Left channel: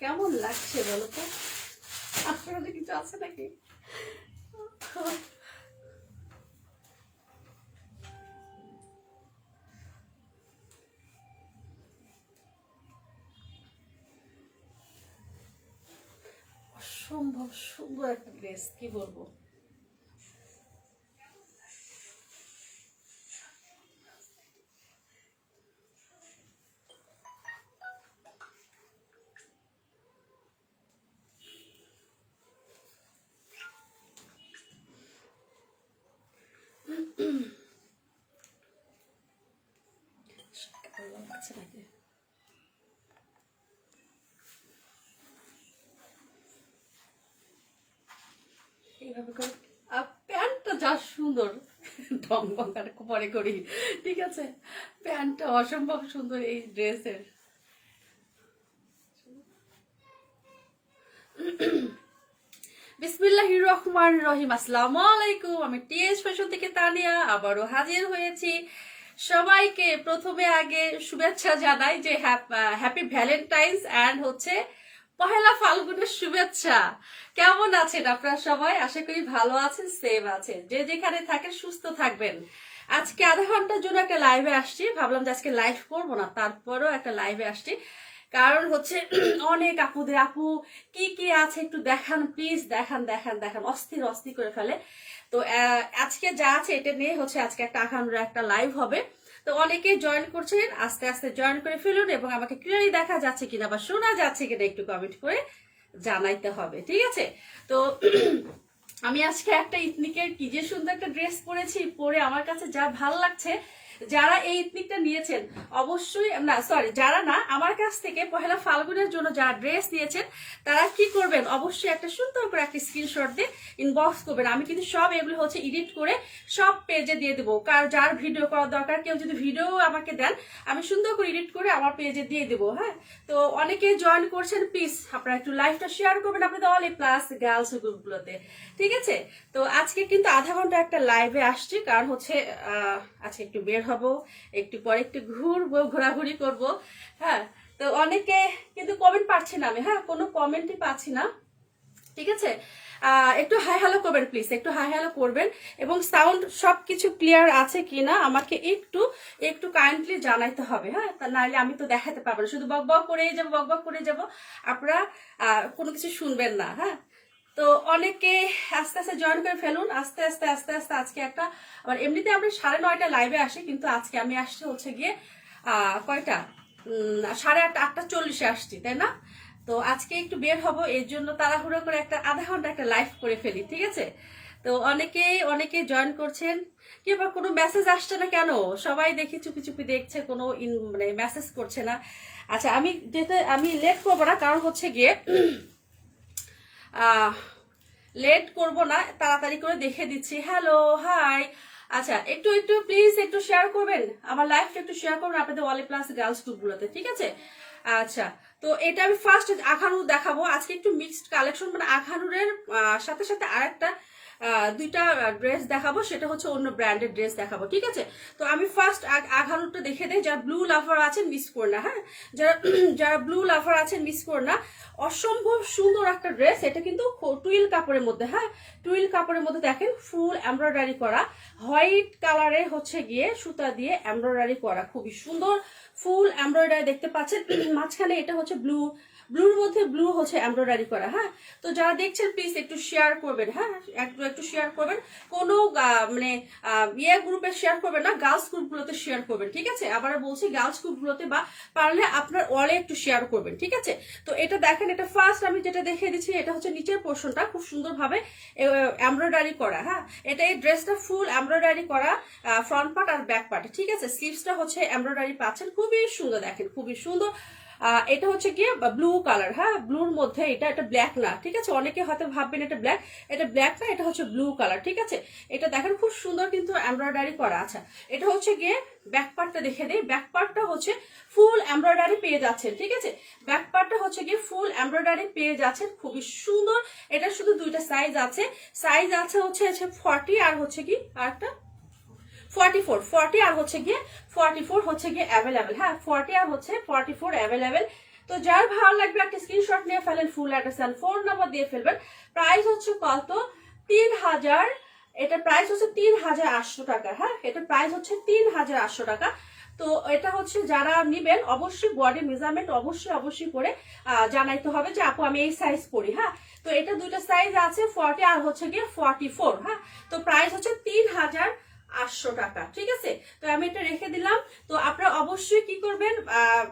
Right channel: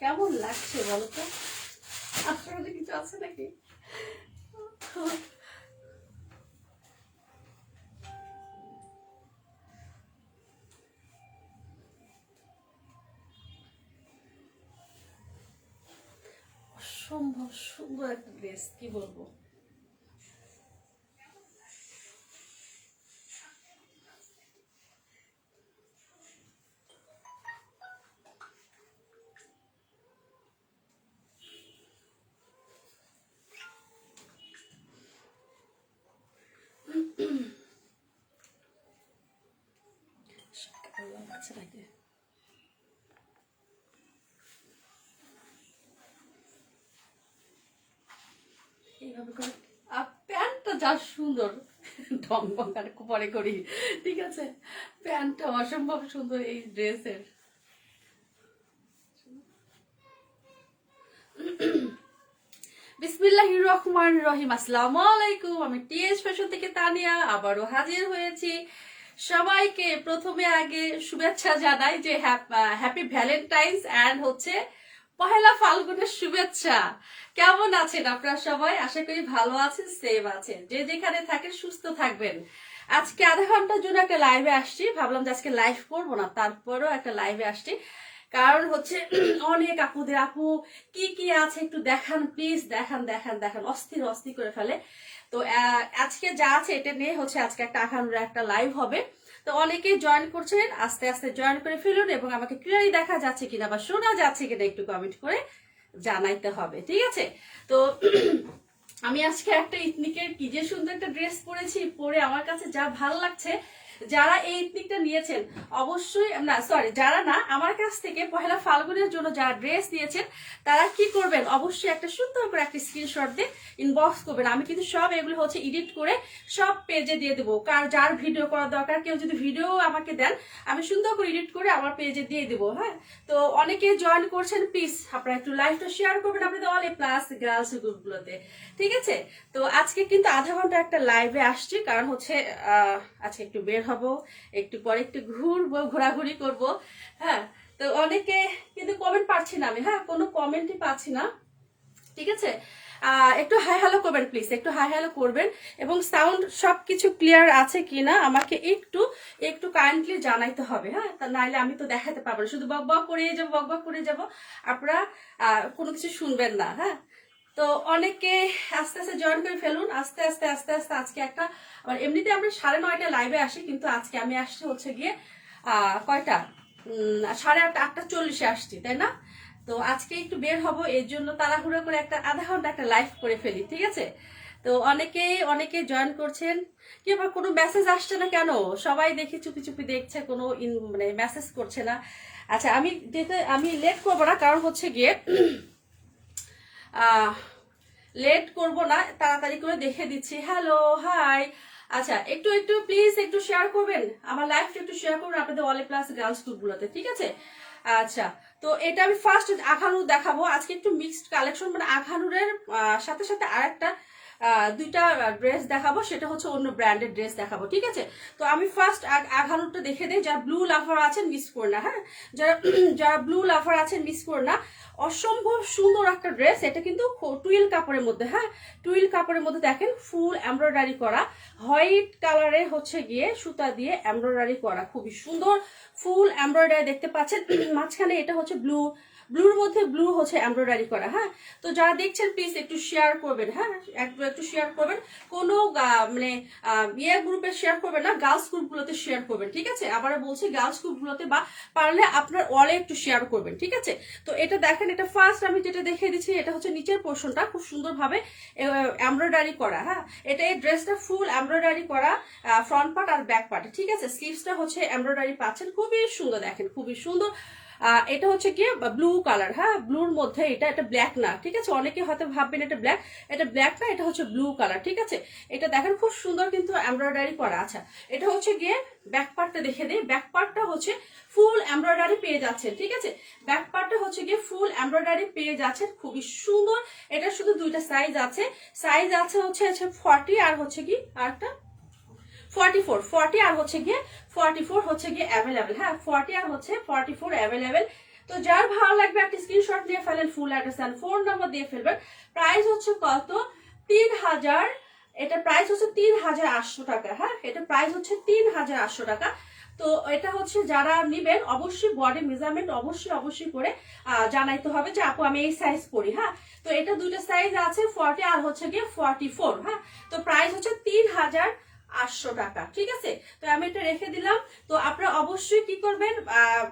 কেমন লাগছে বলো তো? আপনাদের কিছু আছে নাকি? অসম্ভব সুন্দর একটা ড্রেস, কি বলবো। আছে নাকি? এইভাবে করে প্যান্টটা যা সুন্দর, ঢং বং পরে করি, ঠিক আছে। প্যান্টটা অসম্ভব সুন্দর এই ড্রেসের। বিসমিল্লাহির রহমানির রহিম। আসসালামু আলাইকুম, আমি টিএস ফ্যাশন থেকে তানিয়া আবারও হাজির হয়েছি। সবাইকে প্রথমে আগে শুভেচ্ছা জানাই যে হ্যাপি ভ্যালেন্টাইন্স অ্যান্ড হচ্ছে পহেলা ফাল্গুনের শুভেচ্ছা। কেমন আছেন আপনারা সবাই? আশা করি ভালো আছেন, সেভ আছেন। যে যেখানে থাকেন সুস্থ থাকবেন। আজকে আধা ঘন্টার জন্য একটা লাইভে আসছি, ভাবলাম যে আজকে লাইভ করবো না, তারপরেও একটা লাইভে আসছি। কারণ হচ্ছে অনেক আপুদের আপু কি কি আছে একটু দেখান প্লিজ, দেখান দেখান দেখান, অস্থির অস্থির করে ফেলে। তো আজকে যা আছে এটা নিয়ে হচ্ছে আজকে একটা আখানুরা একটা লাইভ হবে। তো অনেকেই জয়েন করছেন, আস্তে আস্তে জয়েন করে ফেলুন এবং আমাকে ক্লিয়ারলি দেখা যাচ্ছে কিনা বা শোনা যাচ্ছে কিনা একটু কমেন্ট করে জানাইতে হবে, ঠিক আছে। তো আমি আজকে একটা ইথনিকের কি যে সুন্দর একটা ড্রেস পরেছি, পরে আমার কাছে যা ভালো লাগছে। যারা এই ইথনিকটা নিয়েছেন অবশ্যই, না সরি যারা না, আমার কাছ থেকে পহেলা ফাল্গুনের জন্য যারা ড্রেস নিয়েছেন তারা কি করবেন, অবশ্যই একটা সুন্দর করে একটা স্ক্রিনশট দিয়ে ইনবক্স করবেন। আমি কিন্তু সব এগুলো হচ্ছে এডিট করে সব পেজে দিয়ে দেবো। কার যার ভিডিও করার দরকার, কেউ যদি ভিডিও আমাকে দেন আমি সুন্দর করে এডিট করে আমার পেজে দিয়ে দেবো। হ্যাঁ, তো অনেকে জয়েন করছেন, প্লিজ আপনারা একটু লাইভটা শেয়ার করবেন আপনাদের অল এ প্লাস গার্লস গ্রুপগুলোতে, ঠিক আছে। তো আজকে কিন্তু আধা ঘন্টা একটা লাইভে আসছি, কারণ হচ্ছে আজকে একটু বের হব, একটু পরে একটু ঘুরবো, ঘোরাঘুরি করব। হ্যাঁ, তো অনেকে কিন্তু কমেন্ট পাচ্ছি না আমি, হ্যাঁ কোনো কমেন্টই পাচ্ছি না, ঠিক আছে। একটু হাই হ্যালো করবেন প্লিজ, একটু হাই হ্যালো করবেন এবং সাউন্ড সবকিছু ক্লিয়ার আছে কিনা আমাকে একটু একটু কাইন্ডলি জানাইতে হবে। হ্যাঁ, তা নাইলে আমি তো দেখাতে পারবো না, শুধু বক বক করে যাবো, বক বক করে যাবো, আপনারা কোনো কিছু শুনবেন না। হ্যাঁ, তো অনেকে আস্তে আস্তে জয়েন করে ফেলুন, আস্তে আস্তে আস্তে আস্তে। আজকে একটা এমনিতে আমরা 9:30 লাইভে আসি, কিন্তু আজকে আমি আসছি হচ্ছে গিয়ে কয়টা 8:30 আসছি, তাই না। তো আজকে একটু বের হব, এর জন্য তাড়াহুড়ো করে একটা আধা ঘন্টা একটা লাইভ করে ফেলি, ঠিক আছে। তো অনেকে জয়েন করছেন, কি বা কোনো মেসেজ আসছে না কেন? সবাই দেখি চুপি চুপি দেখছে, কোনো মানে মেসেজ করছে না। আচ্ছা, আমি লেট করবো না, কারণ হচ্ছে গিয়ে লেট করব না, তাড়াতাড়ি করে দেখে দিচ্ছি। Hello, hi. আচ্ছা, একটু একটু প্লিজ একটু শেয়ার করবেন আমার লাইভটা, একটু শেয়ার করবেন আপনাদের অল প্লাস গার্লস গ্রুপগুলোতে, ঠিক আছে। আচ্ছা, তো এটা আমি ফার্স্ট আখানুর দেখাবো আজকে, একটু মিক্সড কালেকশন, মানে আখানুরের সাথে সাথে আর একটা দুইটা ড্রেস দেখাবো, সেটা হচ্ছে অন্য ব্র্যান্ডের ড্রেস দেখাবো, ঠিক আছে। তো আমি ফার্স্ট আখানুরটা দেখে দেই। যারা ব্লু লাভার আছেন মিস করো না, হ্যাঁ, যারা ব্লু লাভার আছেন মিস করো না। অসম্ভব সুন্দর একটা ড্রেস, এটা কিন্তু টুইল কাপড়ের মধ্যে, হ্যাঁ টুইল কাপড়ের মধ্যে দেখেন ফুল এমব্রয়ডারি করা, হোয়াইট কালারে হচ্ছে গিয়ে সুতা দিয়ে এমব্রয়ডারি করা, খুবই সুন্দর ফুল এমব্রয়ডারি দেখতে পাচ্ছেন। মাঝখানে এটা হচ্ছে ব্লুর মধ্যে ব্লু হচ্ছে এমব্রয়ডারি করা। হ্যাঁ, তো যারা দেখছেন প্লিজ একটু শেয়ার করবেন, হ্যাঁ একটু শেয়ার করবেন, কোনো মানে গ্রুপে শেয়ার করবেন না, গার্লস গ্রুপগুলোতে শেয়ার করবেন, ঠিক আছে। আবার বলছি গার্লস গ্রুপগুলোতে, বা পারলে আপনার ওয়ালে একটু শেয়ার করবেন, ঠিক আছে। তো এটা দেখেন, এটা ফার্স্ট আমি যেটা দেখিয়ে দিচ্ছি, এটা হচ্ছে নিচের পোর্শনটা খুব সুন্দরভাবে এমব্রয়ডারি করা। হ্যাঁ, এটা এই ড্রেসটা ফুল এমব্রয়ডারি করা, ফ্রন্ট পার্ট আর ব্যাক পার্ট, ঠিক আছে। স্লিভসটা হচ্ছে এমব্রয়ডারি পাচ্ছেন, খুবই সুন্দর, দেখেন খুবই সুন্দর। এটা হচ্ছে কি ব্লু কালার, হ্যাঁ ব্লুর মধ্যে, এটা ব্ল্যাক না, ঠিক আছে। অনেকে হয়তো ভাববেন এটা ব্ল্যাক না, এটা হচ্ছে ব্লু কালার, ঠিক আছে। এটা দেখেন খুব সুন্দর কিন্তু এমব্রয়ডারি করা। আচ্ছা, এটা হচ্ছে গিয়ে ব্যাক পার্টটা দেখে দিই। ব্যাক পার্টটা হচ্ছে ফুল এমব্রয়ডারি পেয়ে যাচ্ছেন, ঠিক আছে। ব্যাক পার্টটা হচ্ছে গিয়ে ফুল এমব্রয়ডারি পেয়ে যাচ্ছেন, খুবই সুন্দর। এটা শুধু দুইটা সাইজ আছে, হচ্ছে 40 আর হচ্ছে কি আরেকটা 44 আর হচ্ছে গিয়ে 44 হচ্ছে গিয়ে অ্যাভেলেবেল। হ্যাঁ, 40 আর হচ্ছে 44 অ্যাভেলেবেল। তো যার ভালো লাগবে একটা স্ক্রিনশট নিয়ে ফেলেন, full address and phone number দিয়ে ফেলবেন। প্রাইস হচ্ছে কত, 3000, এটা প্রাইস হচ্ছে 3800 টাকা। হ্যাঁ, এটা প্রাইস হচ্ছে 3800 টাকা। তো এটা হচ্ছে যারা নিবেন অবশ্যই বডি মেজারমেন্ট অবশ্যই করে জানাইতে হবে যে আপু আমি এই সাইজ পরি। হ্যাঁ, তো এটা দুটো সাইজ আছে, 40 আর হচ্ছে গিয়ে 44। হ্যাঁ, তো প্রাইস হচ্ছে 3800 টাকা। ঠিক আছে, তো আমি এটা রেখে দিলাম। তো আপনারা অবশ্যই কি করবেন,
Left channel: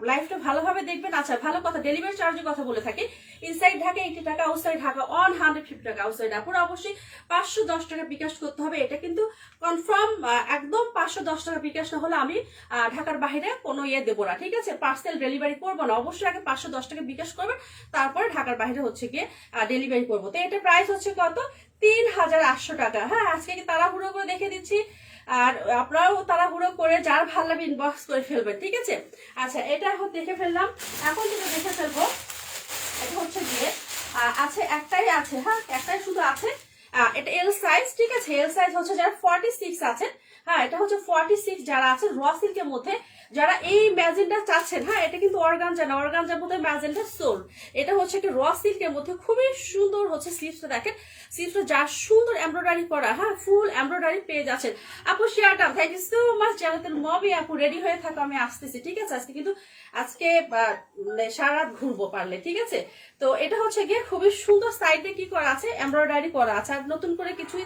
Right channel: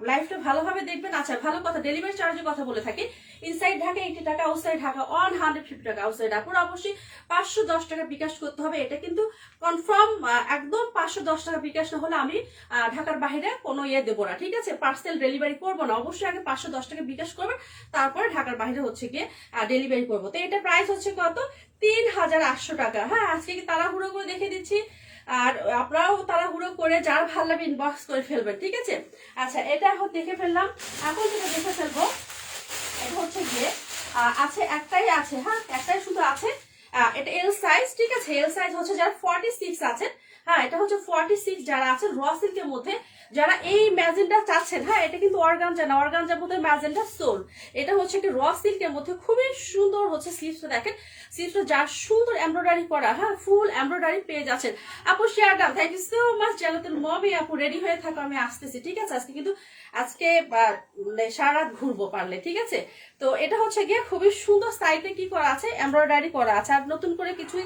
লাইফটা ভালোভাবে দেখবেন। আচ্ছা, ভালো কথা, ডেলিভারি চার্জের কথা বলে থাকি। ইনসাইড ঢাকা 80 টাকা, আউটসাইড ঢাকা 150 টাকা। আউটসাইড আপনারা অবশ্যই 510 টাকা বিকাশ করতে হবে। এটা কিন্তু কনফার্ম, একদম 510 টাকা বিকাশ না হলে আমি ঢাকার বাইরে কোনো দেবো না। ঠিক আছে, পার্সেল ডেলিভারি করবো না। অবশ্যই আগে 510 টাকা বিকাশ করবেন, তারপরে ঢাকার বাইরে হচ্ছে গিয়ে ডেলিভারি করবো। তো এটা প্রাইস হচ্ছে কত, 3800 টাকা। হ্যাঁ, আজকে কি তাড়াহুড়ো করে দেখে দিচ্ছি, আর আপনারাও তাড়াহুড়ো করে যার ভালো লাগবে ইনবক্স করে ফেলবেন। ঠিক আছে, আচ্ছা এটা দেখে ফেললাম। এখন যেটা দেখে ফেলবো এটা হচ্ছে গিয়ে আছে, একটাই আছে। হ্যাঁ, একটাই শুধু আছে। এটা এল সাইজ। ঠিক আছে, এল সাইজ হচ্ছে যারা 46 আছে। হ্যাঁ, এটা হচ্ছে 46 যারা আছে র সিল্কের মধ্যে, যারা এই ম্যাজেন্টা চাচ্ছেন। হ্যাঁ, এটা কিন্তু অর্গানজা না, অর্গানজার মধ্যে ম্যাজেন্টা সোল। এটা হচ্ছে একটা র সিল্কের মধ্যে খুবই সুন্দর হচ্ছে স্লিভসটা। দেখেন স্লিভসটা যা সুন্দর এমব্রয়ডারি করা। হ্যাঁ, ফুল এমব্রয়ডারি পেয়ে যাচ্ছেন। আপু share done, thank you so much. জানাতেন মবি আপু রেডি হয়ে থাকো, আমি আসতেছি। ঠিক আছে, আজকে কিন্তু সারা রাত ঘুরবো পারলে। ঠিক আছে, তো এটা হচ্ছে গিয়ে খুবই সুন্দর, সাইডে কি করা আছে, এমব্রয়ডারি করা আছে। আর নতুন করে কিছুই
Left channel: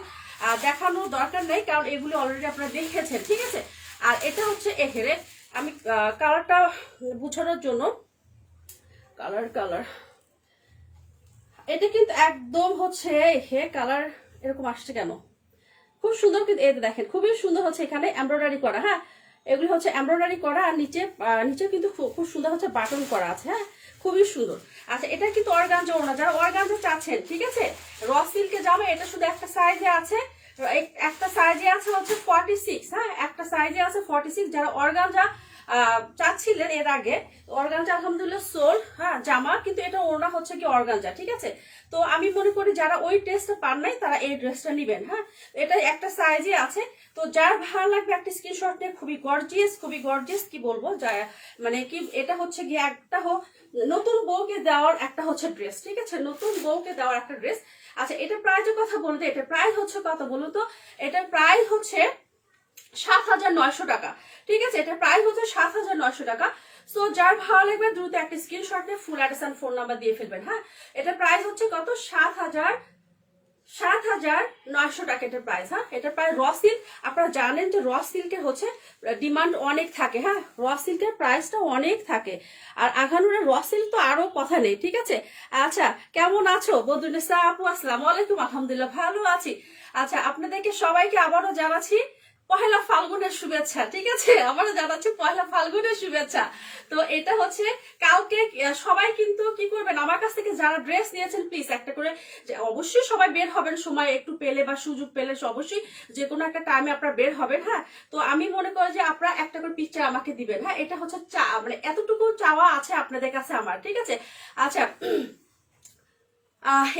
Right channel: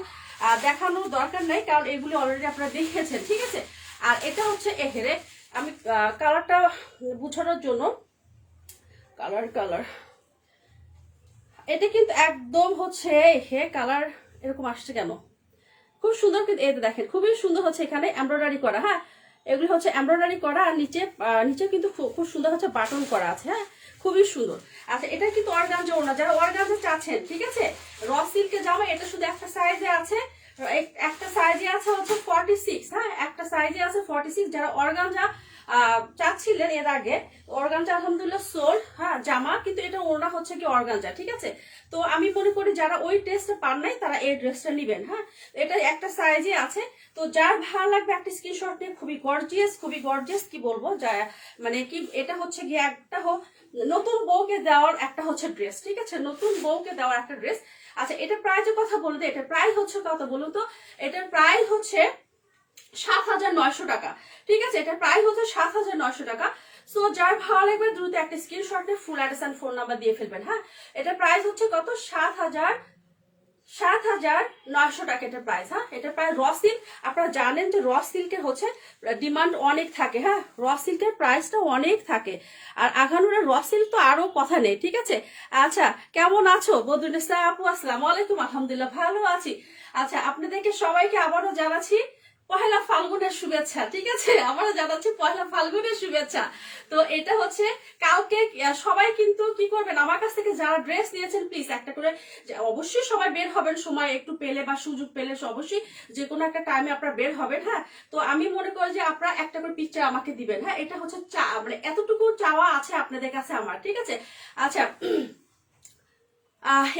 দেখানোর দরকার নেই, কারণ এগুলো অলরেডি আপনারা দেখেছেন। ঠিক আছে, আর এটা হচ্ছে এহেরে আমি কালারটা বুঝানোর জন্য, কালার এটা কিন্তু একদম হচ্ছে হে কালার এরকম আসছে কেন, খুব সুন্দর। কিন্তু এটা দেখেন খুবই সুন্দর হচ্ছে এখানে এমব্রয়ডারি করা। হ্যাঁ, এগুলি হচ্ছে এমব্রয়ডারি করা, আর নিচে কিন্তু খুব সুন্দর হচ্ছে বাটন করা আছে। হ্যাঁ, খুবই সুন্দর। আচ্ছা, এটা কিন্তু অর্গানজা ওড়না, যারা অর্গানজা চাচ্ছেন। ঠিক আছে, র সিল্কে জামা, এটা শুধু একটা সাইজে আছে, একটা সাইজে আছে হচ্ছে 46। হ্যাঁ, একটা সাইজে আছে 46। যারা অর্গানজা চাচ্ছিলেন এর আগে, অর্গানজা আলহামদুলিল্লাহ সোল। হ্যাঁ, জামা কিন্তু এটা ওড়না হচ্ছে কি অর্গানজা। ঠিক আছে, তো আমি মনে করি যারা ওই ড্রেসটা পান নাই তারা এই ড্রেসটা নিবেন। হ্যাঁ, এটা একটা সাইজে আছে। তো যার ভালো লাগবে একটা স্ক্রিনশট নিয়ে, খুবই গর্জিয়াস কি বলবো, মানে কি এটা হচ্ছে গিয়ে একটা নতুন বউকে দেওয়ার একটা হচ্ছে ড্রেস। ঠিক আছে, নতুন বউকে দেওয়ার একটা ড্রেস। আচ্ছা, এটা প্রাইসের কথা বলতে, এটা প্রাইস হচ্ছে কত বলুন তো, এটার প্রাইস হচ্ছে 7900 টাকা। ঠিক আছে, এটা প্রাইস হচ্ছে 7900 টাকা। সো যার ভালো লাগবে দ্রুত একটা স্ক্রিনশট নিয়ে full address and phone number দিয়ে ফেলবেন। হ্যাঁ, এটা প্রাইস হচ্ছে কত, 7900 টাকা এটার প্রাইস। হ্যাঁ, এটা প্রায় র সিল্ক, আপনারা জানেন যে র সিল্কের হচ্ছে ডিমান্ড অনেক থাকে। হ্যাঁ, র সিল্কের প্রাইসটা অনেক থাকে, আর আঘানুরের র সিল্ক তো আরো কথা নেই। ঠিক আছে, আচ্ছা কেমন আছো বদরুন্নেসা আপু, আসসালামু আলাইকুম। আলহামদুলিল্লাহ ভালো আছি। আচ্ছা, আপনাদেরকে সবাইকে আবারও জানাচ্ছি পহেলা ফাল্গুনের শুভেচ্ছা। ঠিক আছে, আমারও জানাচ্ছি পহেলা ফাল্গুনের শুভেচ্ছা। তো এটা হচ্ছে কাউকে সবাই কিন্তু কি করবেন, আমার কাছ থেকে যারা ড্রেস নিয়েছেন প্লিজ একটা করে, অবশ্যই সবাই বের হবেন সময় একটু পেলে বা সুযোগ পেলে, অবশ্যই যে কোনো একটা টাইমে আপনারা বের হবেন। হ্যাঁ, তো আমি মনে করি যে আপনারা একটা করে পিকচার আমাকে দিবেন। হ্যাঁ, এটা হচ্ছে মানে এতটুকু চাওয়া আছে আপনাদের কাছে আমার। ঠিক আছে, আচ্ছা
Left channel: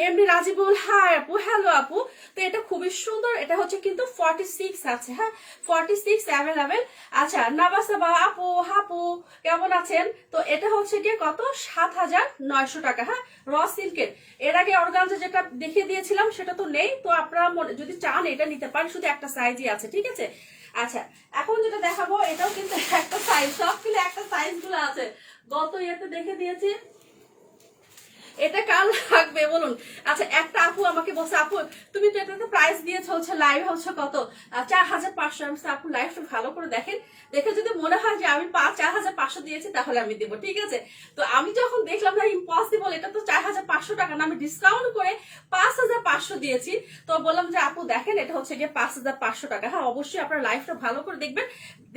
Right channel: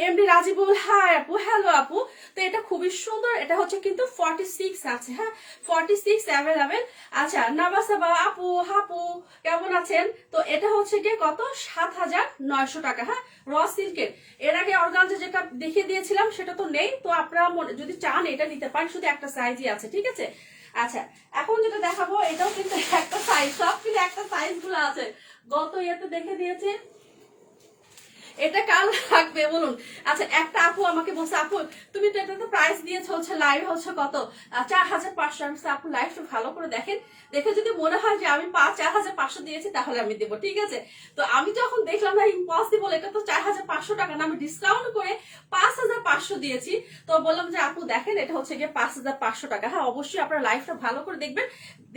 এমনি রাজিবুল, হাই আপু, হ্যালো আপু। তো এটা খুবই সুন্দর, এটা হচ্ছে কিন্তু 46 আছে। হ্যাঁ, 46 অ্যাভেলেবেল। আচ্ছা, নাবাসাবা আপু, হাপু কেমন আছেন? তো এটা হচ্ছে গিয়ে কত, 7900 টাকা। হ্যাঁ, র সিল্কের। এর আগে অর্গানজা যেটা দেখিয়ে দিয়েছিলাম সেটা তো নেই, তো আপনারা যদি চান এটা নিতে পারেন, শুধু একটা সাইজই আছে। ঠিক আছে, আচ্ছা এখন যেটা দেখাবো এটাও কিন্তু একটা সাইজ, সব কিন্তু একটা সাইজ গুলো আছে, গত ইয়েতে দেখে দিয়েছি। এটা কাল থাকবে বলুন। আচ্ছা, একটা আপু আমাকে বলছে আপু তুমি তো এটা প্রাইস দিয়েছো হচ্ছে লাইভ হচ্ছে কত, 4500। আপু লাইভটা ভালো করে দেখেন, দেখে যদি মনে হয় যে আমি 4500 দিয়েছি তাহলে আমি দেবো। ঠিক আছে, তো আমি যখন দেখলাম না ইম্পসিবল, এটা তো 4500 টাকা না, আমি ডিসকাউন্ট করে 5500 দিয়েছি। তো বললাম যে আপু দেখেন এটা হচ্ছে গিয়ে 5500 টাকা। হ্যাঁ, অবশ্যই আপনার লাইভটা ভালো করে দেখবেন,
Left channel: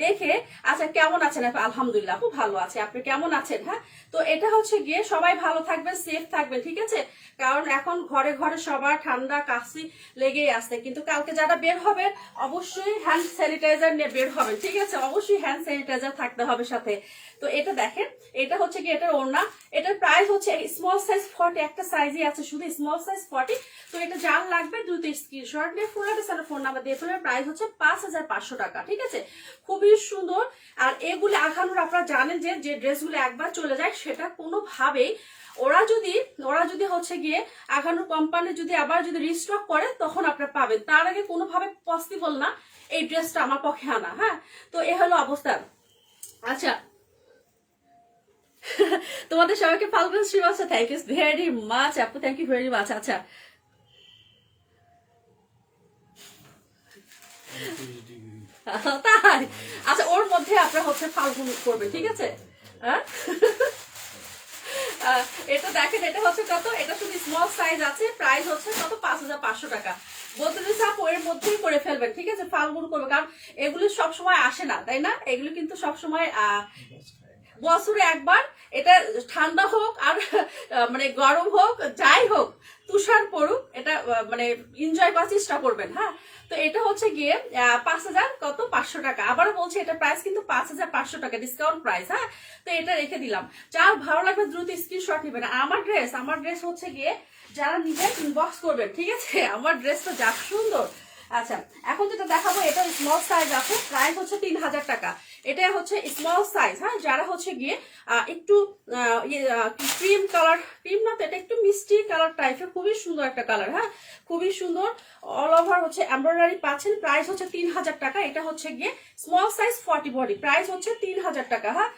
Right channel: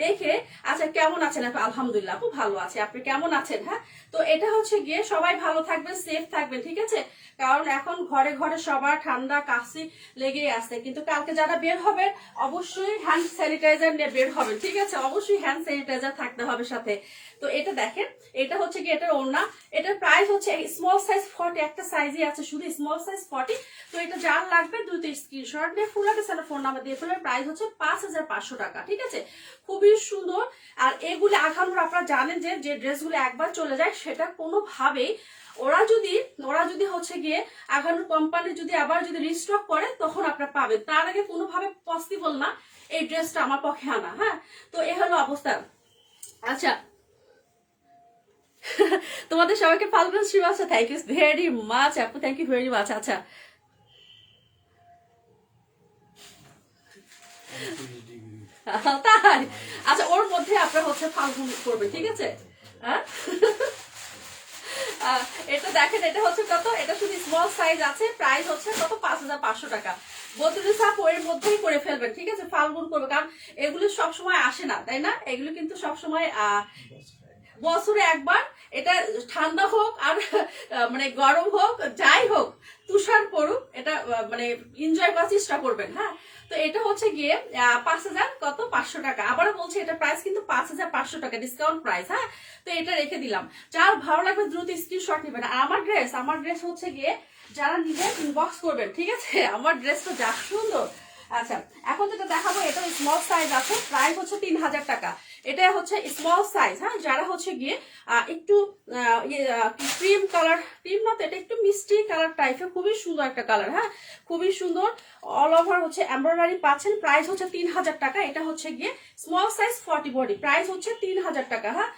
দেখে। আচ্ছা, কেমন আছেন আপু? আলহামদুলিল্লাহ আপু ভালো আছে, আপনি কেমন আছেন? হ্যাঁ, তো এটা হচ্ছে গিয়ে সবাই ভালো থাকবেন, সেফ থাকবেন। ঠিক আছে, কারণ এখন ঘরে ঘরে সবার ঠান্ডা কাশি লেগেই আছে, কিন্তু কালকে যারা বের হবে অবশ্যই হ্যান্ড স্যানিটাইজার নিয়ে বের হবে। ঠিক আছে, অবশ্যই হ্যান্ড স্যানিটাইজার থাকতে হবে সাথে। তো এটা দেখেন, এটা হচ্ছে কি এটার ওড়না, এটার প্রাইস হচ্ছে স্মল সাইজ 40, একটা সাইজই আছে শুধু স্মল সাইজ 40। তো এটা যার লাগবে দ্রুত স্ক্রিনশট নিয়ে ফুল অ্যাড্রেস আর ফোন নাম্বার দিয়ে ফেলবেন। প্রাইস হচ্ছে 5500 টাকা, ঠিক আছে, খুবই সুন্দর। আর এগুলো আঘানোর আপনারা জানেন যে ড্রেসগুলো একবার চলে যায় সেটা কোনোভাবেই ওরা যদি হচ্ছে গিয়ে আঘানোর কোম্পানি যদি আবার যদি রিস্টক করে তখন আপনারা পাবেন, তার আগে কোনোভাবে পসিবল না এই ড্রেসটা আমার পক্ষে আনা। হ্যাঁ, তো এ হলো অবস্থা। আচ্ছা, তোমাদের সবাইকে ফাল্গুন শুভেচ্ছা, থ্যাংক ইউ ভেরি মাচ আপু, থ্যাংক ইউ ভেরি মাচ। আচ্ছা, তাই আচ্ছা, ওর মধ্যে আপনার হচ্ছে ফাল্গুন করবে, ঠিক আছে। হ্যাঁ, এটা দেখেন, এটা হচ্ছে কত, এটা শুধু স্মল সাইজ আছে, প্রাইস হচ্ছে কত 5500 টাকা। বদরুল সাপ এর মধ্যেই করে ফেলবেন, ঠিক আছে, ফাল্গুন করবে, কারণ এগুলো সবসময় আসে না, তাই না, এগুলো কিন্তু সবসময় বছরে একবার, এটা ঠান্ডা হোক আর মানে গরম হোক যাই হোক, তুষার পড়ুক, এটা মানে এনজয় করার চেষ্টা করবেন। হ্যাঁ, তো এটা হচ্ছে গিয়ে 5500 টাকা। আবারও বলছি এটা প্রাইস কিন্তু 5500 টাকা, ডিসকাউন্ট প্রাইস। হ্যাঁ, তো এটা রেখে দিলাম, যার ভালো লাগবে দ্রুত স্ক্রিনশট নেবেন। আমার ড্রেস হচ্ছে গিয়ে যারা নিজে ইনবক্স করবেন, ঠিক আছে, আমার ড্রেসটা যা সুন্দর। আচ্ছা, এখন যেটা দেখাবো এটা স্মল সাইজ আছে, প্রাইস হচ্ছে 3000 টাকা। এটা হচ্ছে স্মল সাইজ। হ্যাঁ, যারা হচ্ছে গিয়ে একটু ক্রিম কালার, ক্রিম না তো, এটা একটু মিষ্টি কালার টাইপের, খুবই সুন্দর একটা কালার। হ্যাঁ, খুবই সুন্দর, অল ওভার হচ্ছে এমব্রয়ডারি পাচ্ছেন, প্রাইস হচ্ছে 3000 টাকা। এটা হচ্ছে গিয়ে স্মল সাইজ 40 বডি, প্রাইস হচ্ছে 3000 টাকা। হ্যাঁ,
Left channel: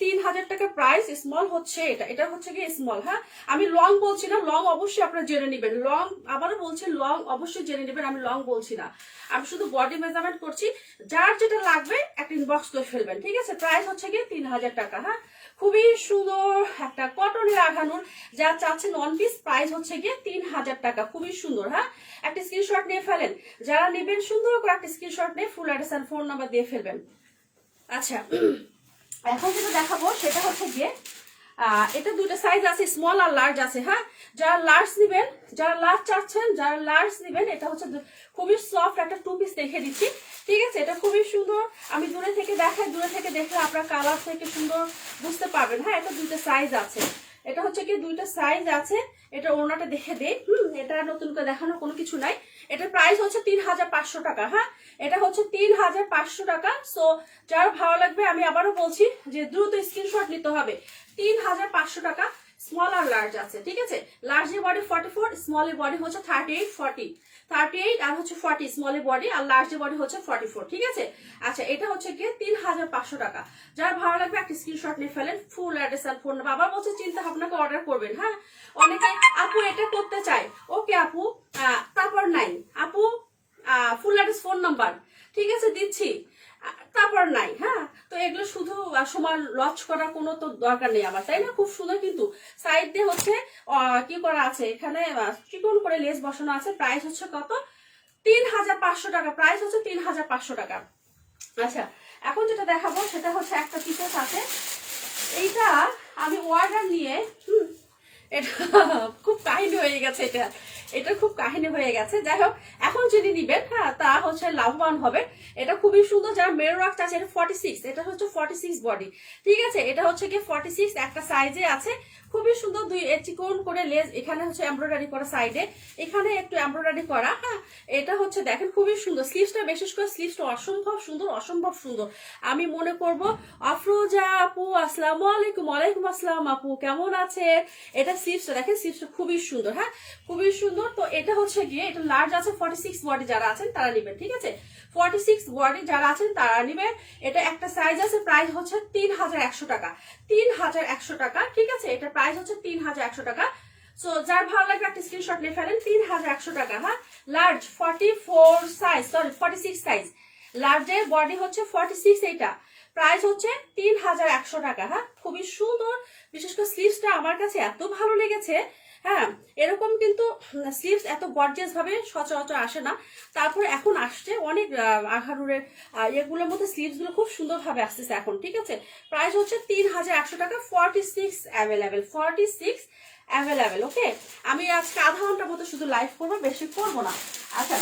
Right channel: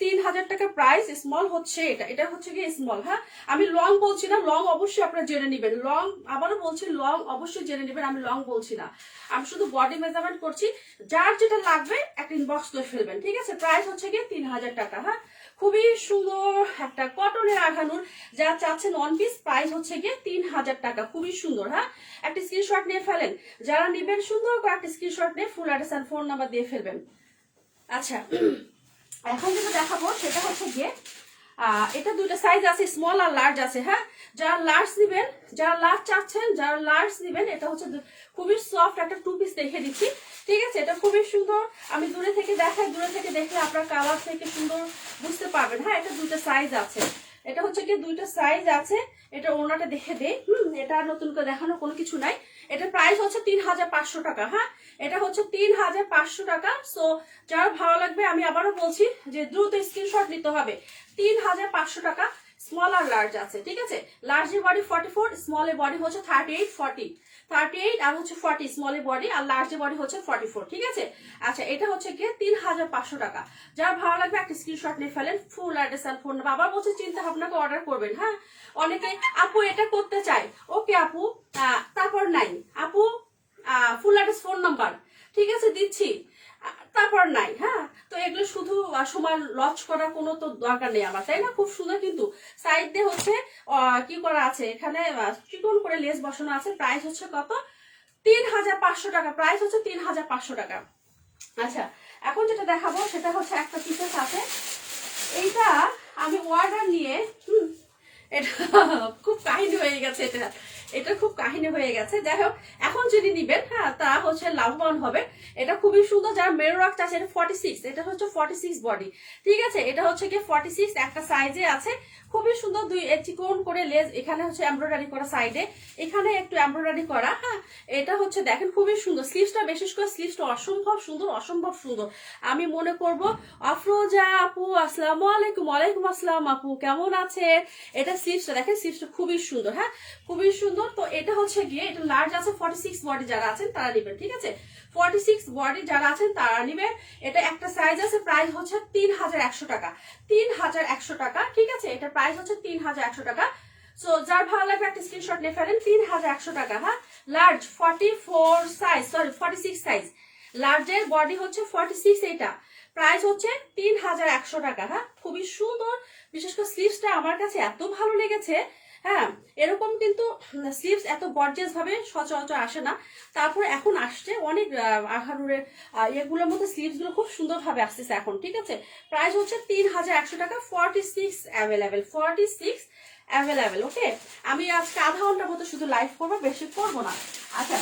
3000 টাকা প্রাইস, স্মল হচ্ছে এটা হচ্ছে গিয়ে স্মল। হ্যাঁ, আমি লং বলছি না, লং অবশ্যই আপনারা জেনে নেবেন, লং আবারও বলছি লং অবশ্যই জেনে নেবেন, আমি লং বলছি না, আমি শুধু বডি মেজারমেন্ট করছি। যার যেটা লাগবে একটা ইনবক্স করে ফেলবেন, ঠিক আছে। প্রাইস হচ্ছে গিয়ে 3000 টাকা। হ্যাঁ, খুবই সুন্দর একটা কটনের আঘানুর, যা চাচ্ছেন ওয়ান পিস, প্রাইস হচ্ছে গিয়ে 3000 টাকা, খুবই সুন্দর। হ্যাঁ, একটা স্ক্রিনশট নিয়ে ফেলেন, যারা নেবেন সুন্দর করে একটা স্ক্রিনশট নিয়ে ফুল অ্যাড্রেস আর ফোন নাম্বার দিয়ে ফেলবেন। আচ্ছা, এখন যেটা দেখাবো সেটা হচ্ছে গিয়ে এটা দুটো সাইজ আছে, স্মল আর লার্জ আছে। হ্যাঁ, যারা লার্জ নিবেন, যারা লার্জ চাচ্ছেন, যারা লার্জ নিবেন, এটা হচ্ছে খুবই সফট একটা টু পিস দেখে দিচ্ছি, ঠিক আছে। এটা খুবই সুন্দর, আমি দূরে থেকে দেখাই, দূরে থেকে দেখলে আপনার কালার থেকে সুন্দর বুঝতে পারবেন। হ্যাঁ, এটা দুটো সাইজ আছে, এটা হচ্ছে কি দুইটা সাইজ আছে। এটা ওড়নাটা দেখে দেই, এটা নতুন করে দেখানোর কোনো কিছু নাই। এটা প্রাইস হচ্ছে 3500 টাকা। হ্যাঁ, এটা হচ্ছে 3500 টাকা। সো যার ভালো লাগবে, আমি আবারও বলছি যে দ্রুত স্ক্রিনশট নিতে হবে। 3500 টাকা, স্মল আর লার্জ আছে, ঠিক আছে। লার্জের বডি 44, স্মলের বডি হচ্ছে 38, 40, 38 আর হচ্ছে 40 স্মলের বডি, আর লার্জের বডি হচ্ছে 44, ঠিক আছে। আচ্ছা, এটা হচ্ছে গিয়ে 3500 টাকা। যার ভালো লাগবে একটা স্ক্রিনশট নিয়ে ফেলেন, ফুল অ্যাড্রেস আর ফোন নাম্বার। আবার বলছে চিন্তা ভাবনা করে অর্ডার করবেন। হ্যাঁ, অনেকে আপু এটা করতে চায়, ওকে আপু, তারপর নাই আপু ফুল অ্যাড্রেস ফোন নাম্বার, ঠিক আছে দিচ্ছি, তারপর নাই। হ্যাঁ, তো এগুলো শুধু সময় লঞ্চ করার কোনো তো দরকার নেই আমার, তাই না। খুব সুন্দর, কিন্তু সাইড দিয়ে হচ্ছে কি করা আছে, এখানে চিকন করে লেস বসানো আছে। প্রাইস হচ্ছে কত, 3500 টাকা, প্রাইস হচ্ছে 3500 টাকা। আচ্ছা, এখন যেটা দেখাবো সেটা হচ্ছে একটা পিসেস আছে, এইটা আমি অর্ডার নিয়ে এটা খুব কাহিনী হয়ে গেছে, এটা খুব কাহিনী হয়ে গেছে। যাই হোক, এখন যদি নিবেন, হ্যাঁ, তা হচ্ছে লাভবান হবে। এটা খুবই সুন্দর, যারা মেরু রাখতে আছে, এটা 46, এটা হচ্ছে 46 বডি, ঠিক আছে। এটা হচ্ছে কি 46 একটা সাইজে আছে, খুবই সুন্দর। দুই চিকন করে লেস, এখানে হচ্ছে এমব্রয়ডারি করা, সাইডে এখানে একটু এমব্রয়ডারি করা। হ্যাঁ, এটা হচ্ছে দেখেন খুবই সুন্দর, স্লিভসটা বিশেষ করে স্লিভসটা অসম্ভব সুন্দর, অসম্ভব সুন্দর। আমি মনে করব আফরোজা আপু, আসসালামু আলাইকুম। ওয়ালাইকুম আসসালাম আপু, কেমন আছে। এটা স্লিভসটা দেখেন, স্লিভসটা খুবই সুন্দর। হ্যাঁ, খুবই সুন্দর। তো এটা হচ্ছে গিয়ে এটা লার্জ আছে, 46 বডি যারা আছেন তারা নেবেন, ঠিক আছে। 46 বডি যারা আছেন তারা নেবেন। এটা একটা সাইজ আছে, প্রাইস হচ্ছে 3100 টাকা, 3100 টাকা, ঠিক আছে। এটা প্রাইস হচ্ছে 3100 টাকা। সো যার ভালো লাগবে একটা স্ক্রিনশট নিয়ে ফেলেন, 3100 টাকা। হ্যাঁ, লার্জ 44 সাইজ, সরি 46 সাইজ, লার্জের বডি হচ্ছে 46, এটা প্রাইস হচ্ছে 3100 টাকা। হ্যাঁ, খুবই সুন্দর, বিশেষ করে স্লিভসটা আমার কাছে এত ভালো লেগেছে। হ্যাঁ, এরকম কিন্তু স্লিভস এত গর্জিয়াস ভাবে সচরাচর আসে না, তারপর এখন আসছে অনেক আঘারুরের এগুলোর মধ্যে স্লিভস গুলো খুব সুন্দর ভাবে আসতেছে এখন, ঠিক আছে। প্রাইস হচ্ছে 3100 টাকা, 46 অ্যাভেলেবেল, 46 অ্যাভেলেবেল। ওকে, আমি আজকে আধা ঘন্টার মতো শুধু লাইভ করবো, বেশি করবো না। আচ্ছা,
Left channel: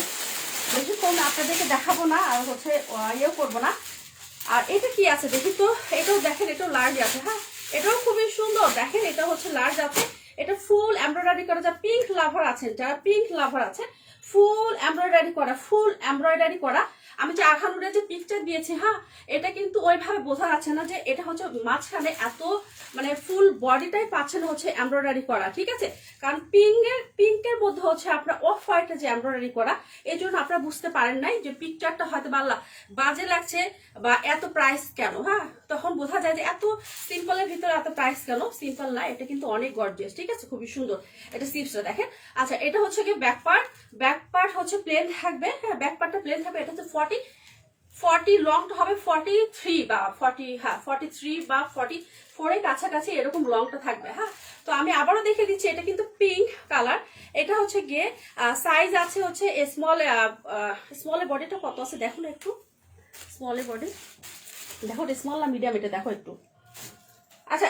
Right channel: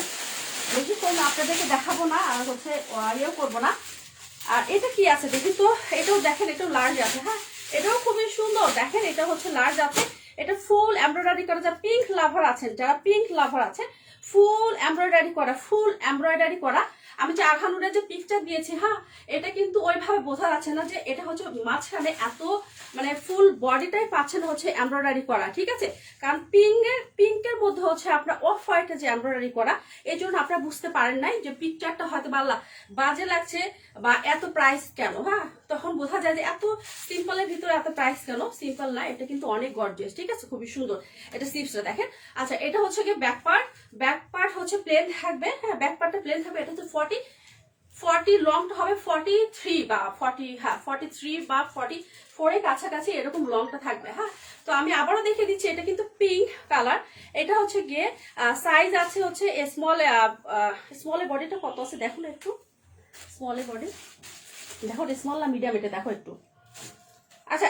বেশিক্ষণ আপনাদেরকে দেখাবো না, আর হচ্ছে ইয়েও করবো না। আর এটা কি আছে দেখি তো, এটাও দেখেন, এটাও লার্জ আছে। হ্যাঁ, এটাও খুবই সুন্দর, দেখেন এটা হচ্ছে লার্জ আছে। এটা ফুল এমব্রয়ডারি করা, যারা পিঙ্ক লাভার আছেন, যারা পিঙ্ক লাভার আছেন, ফুল এমব্রয়ডারি করা, ফুল এমব্রয়ডারি করা। আমি যে আখানুরের যে পিকচার দিয়েছি, হ্যাঁ, এটা কিন্তু ওইভাবে বোঝা যাচ্ছে না যে এটা হচ্ছে মাঝখানে এত মানে ফুল বডিটাই পাচ্ছেন হচ্ছে এমব্রয়ডারি করা, ঠিক আছে। কারণ পিঙ্কের মধ্যে হচ্ছে আপনার অফ হোয়াইটে যে এমব্রয়ডারি করা, এই জন্য আপনারা বুঝতে পারেন নাই যে পিকচারটা হয়তো বাজে লাগছে বা এত প্রাইস কেন। হ্যাঁ, তখন বোঝা যায় যে এত সিম্পলের ভিতরে এত প্রাইস কেন। সিম্পল না, এটা কিন্তু অনেক গর্জিয়াস, ঠিক আছে, খুবই সুন্দর। এটা স্লিভসটা দেখেন। আচ্ছা, এটা হচ্ছে কি ব্যাক পার্ট হচ্ছে প্লেন থাকবে। হ্যাঁ, ব্যাক পার্টটা প্লেন থাকবে। এটা হচ্ছে 40 লংটা হবে 43 বা 40, হ্যাঁ 43 বা 44 এর কাছাকাছি এরকম লংটা থাকবে। হ্যাঁ, তো আমি আবারও দেখে দিচ্ছি, এটা কিন্তু পিঙ্ক কালার। এটা হচ্ছে গিয়ে সাইজ আছে হচ্ছে স্মলের বডিটা কত আছে দেখুন একটু। স্মলের বডি দেখো, স্মল না মিডিয়াম, এটা দেখো একটু। আচ্ছা,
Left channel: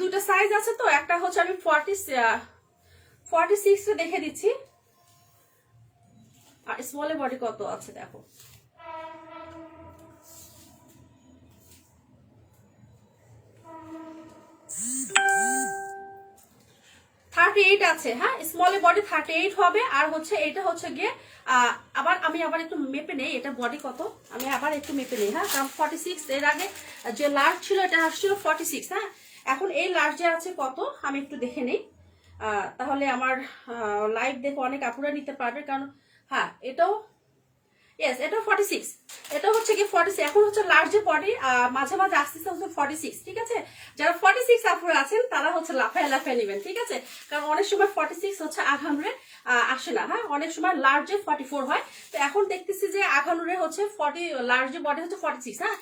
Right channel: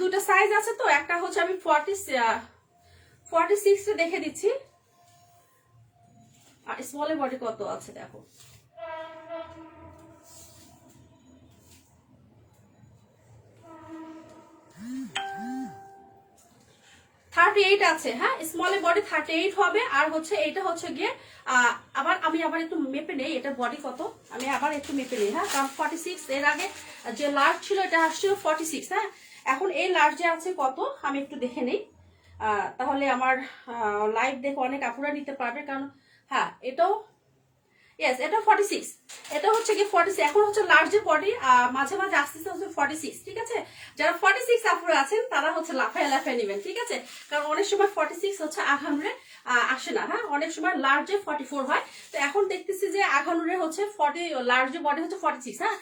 দুইটা সাইজ আছে, তো একটা হচ্ছে আমি 46 দেখে দিচ্ছি। আর স্মলের বডি কত আছে দেখো। 38 আছে। হ্যাঁ, স্মলের বডি 38 হবে। আর হচ্ছে এটা হচ্ছে গিয়ে আমি আবার একটু মেপে নেই, এটা বডি কত, আমি আবার একটু মেপে নেই। হ্যাঁ, কারণ 46 এর আগে যে লার্জ ছিল এটা আসছিল 46। হ্যাঁ, এখন এই লার্জে আছে কত আমি একটু দেখে নেই, তাহলে আমার লাইভ দেখে অনেক আপুরা নিতে পারবে। কারণ হ্যাঁ, এটাও ইয়েস, এটা 46, এটা হচ্ছে কি 46। এখন হচ্ছে লার্জ বডি, মাঝে মাঝে আস্তে আস্তে 46, ঠিক আছে। যারা 46 আপুরা আছেন তারা হচ্ছে লাফায় নেবেন, ঠিক আছে। কারণ অনেক সময় 46 হচ্ছে আঘানুরে আসে না। হ্যাঁ, অনেক সময় লার্জে 44 হয়। তো এখন দেখতেছি যে আঘানুরে হচ্ছে 40, লার্জ বডি হচ্ছে 46। হ্যাঁ,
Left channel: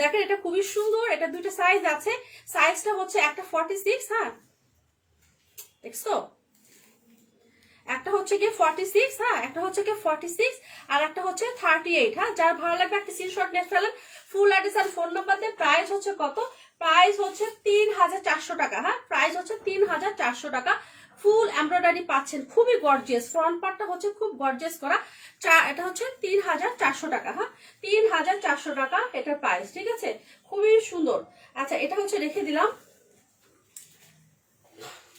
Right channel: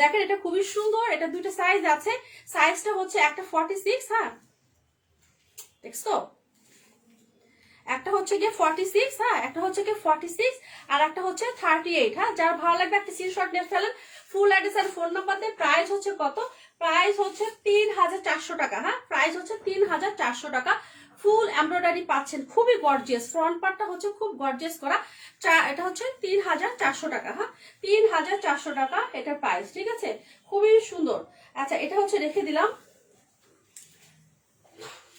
দেখেন এটা খুবই সুন্দর। এটা দুইটা সাইজ আছে। সাইজটা হচ্ছে একটা 46, হ্যাঁ দেখছো, একটা হচ্ছে গিয়ে 46, হ্যাঁ একটা হচ্ছে গিয়ে 46 আর একটা হচ্ছে 38। হ্যাঁ, যার ভালো লাগবে একটা স্ক্রিনশট নিয়ে ফেলেন, ফুল অ্যাড্রেস আর ফোন নাম্বার দিয়ে। প্রাইস হচ্ছে কত, প্রাইস হচ্ছে 3400 টাকা। হ্যাঁ, প্রাইস হচ্ছে 3400 টাকা। ফুল এমব্রয়ডারি পাচ্ছেন, খুবই গর্জিয়াস। ফ্রন্ট পার্টটা হচ্ছে খুব গর্জিয়াস করা। এটা হচ্ছে 3400 টাকা। হ্যাঁ, 3400 টাকা এটার প্রাইস, ঠিক আছে, খুবই সুন্দর। আচ্ছা, এটা হচ্ছে রেখে দিলাম।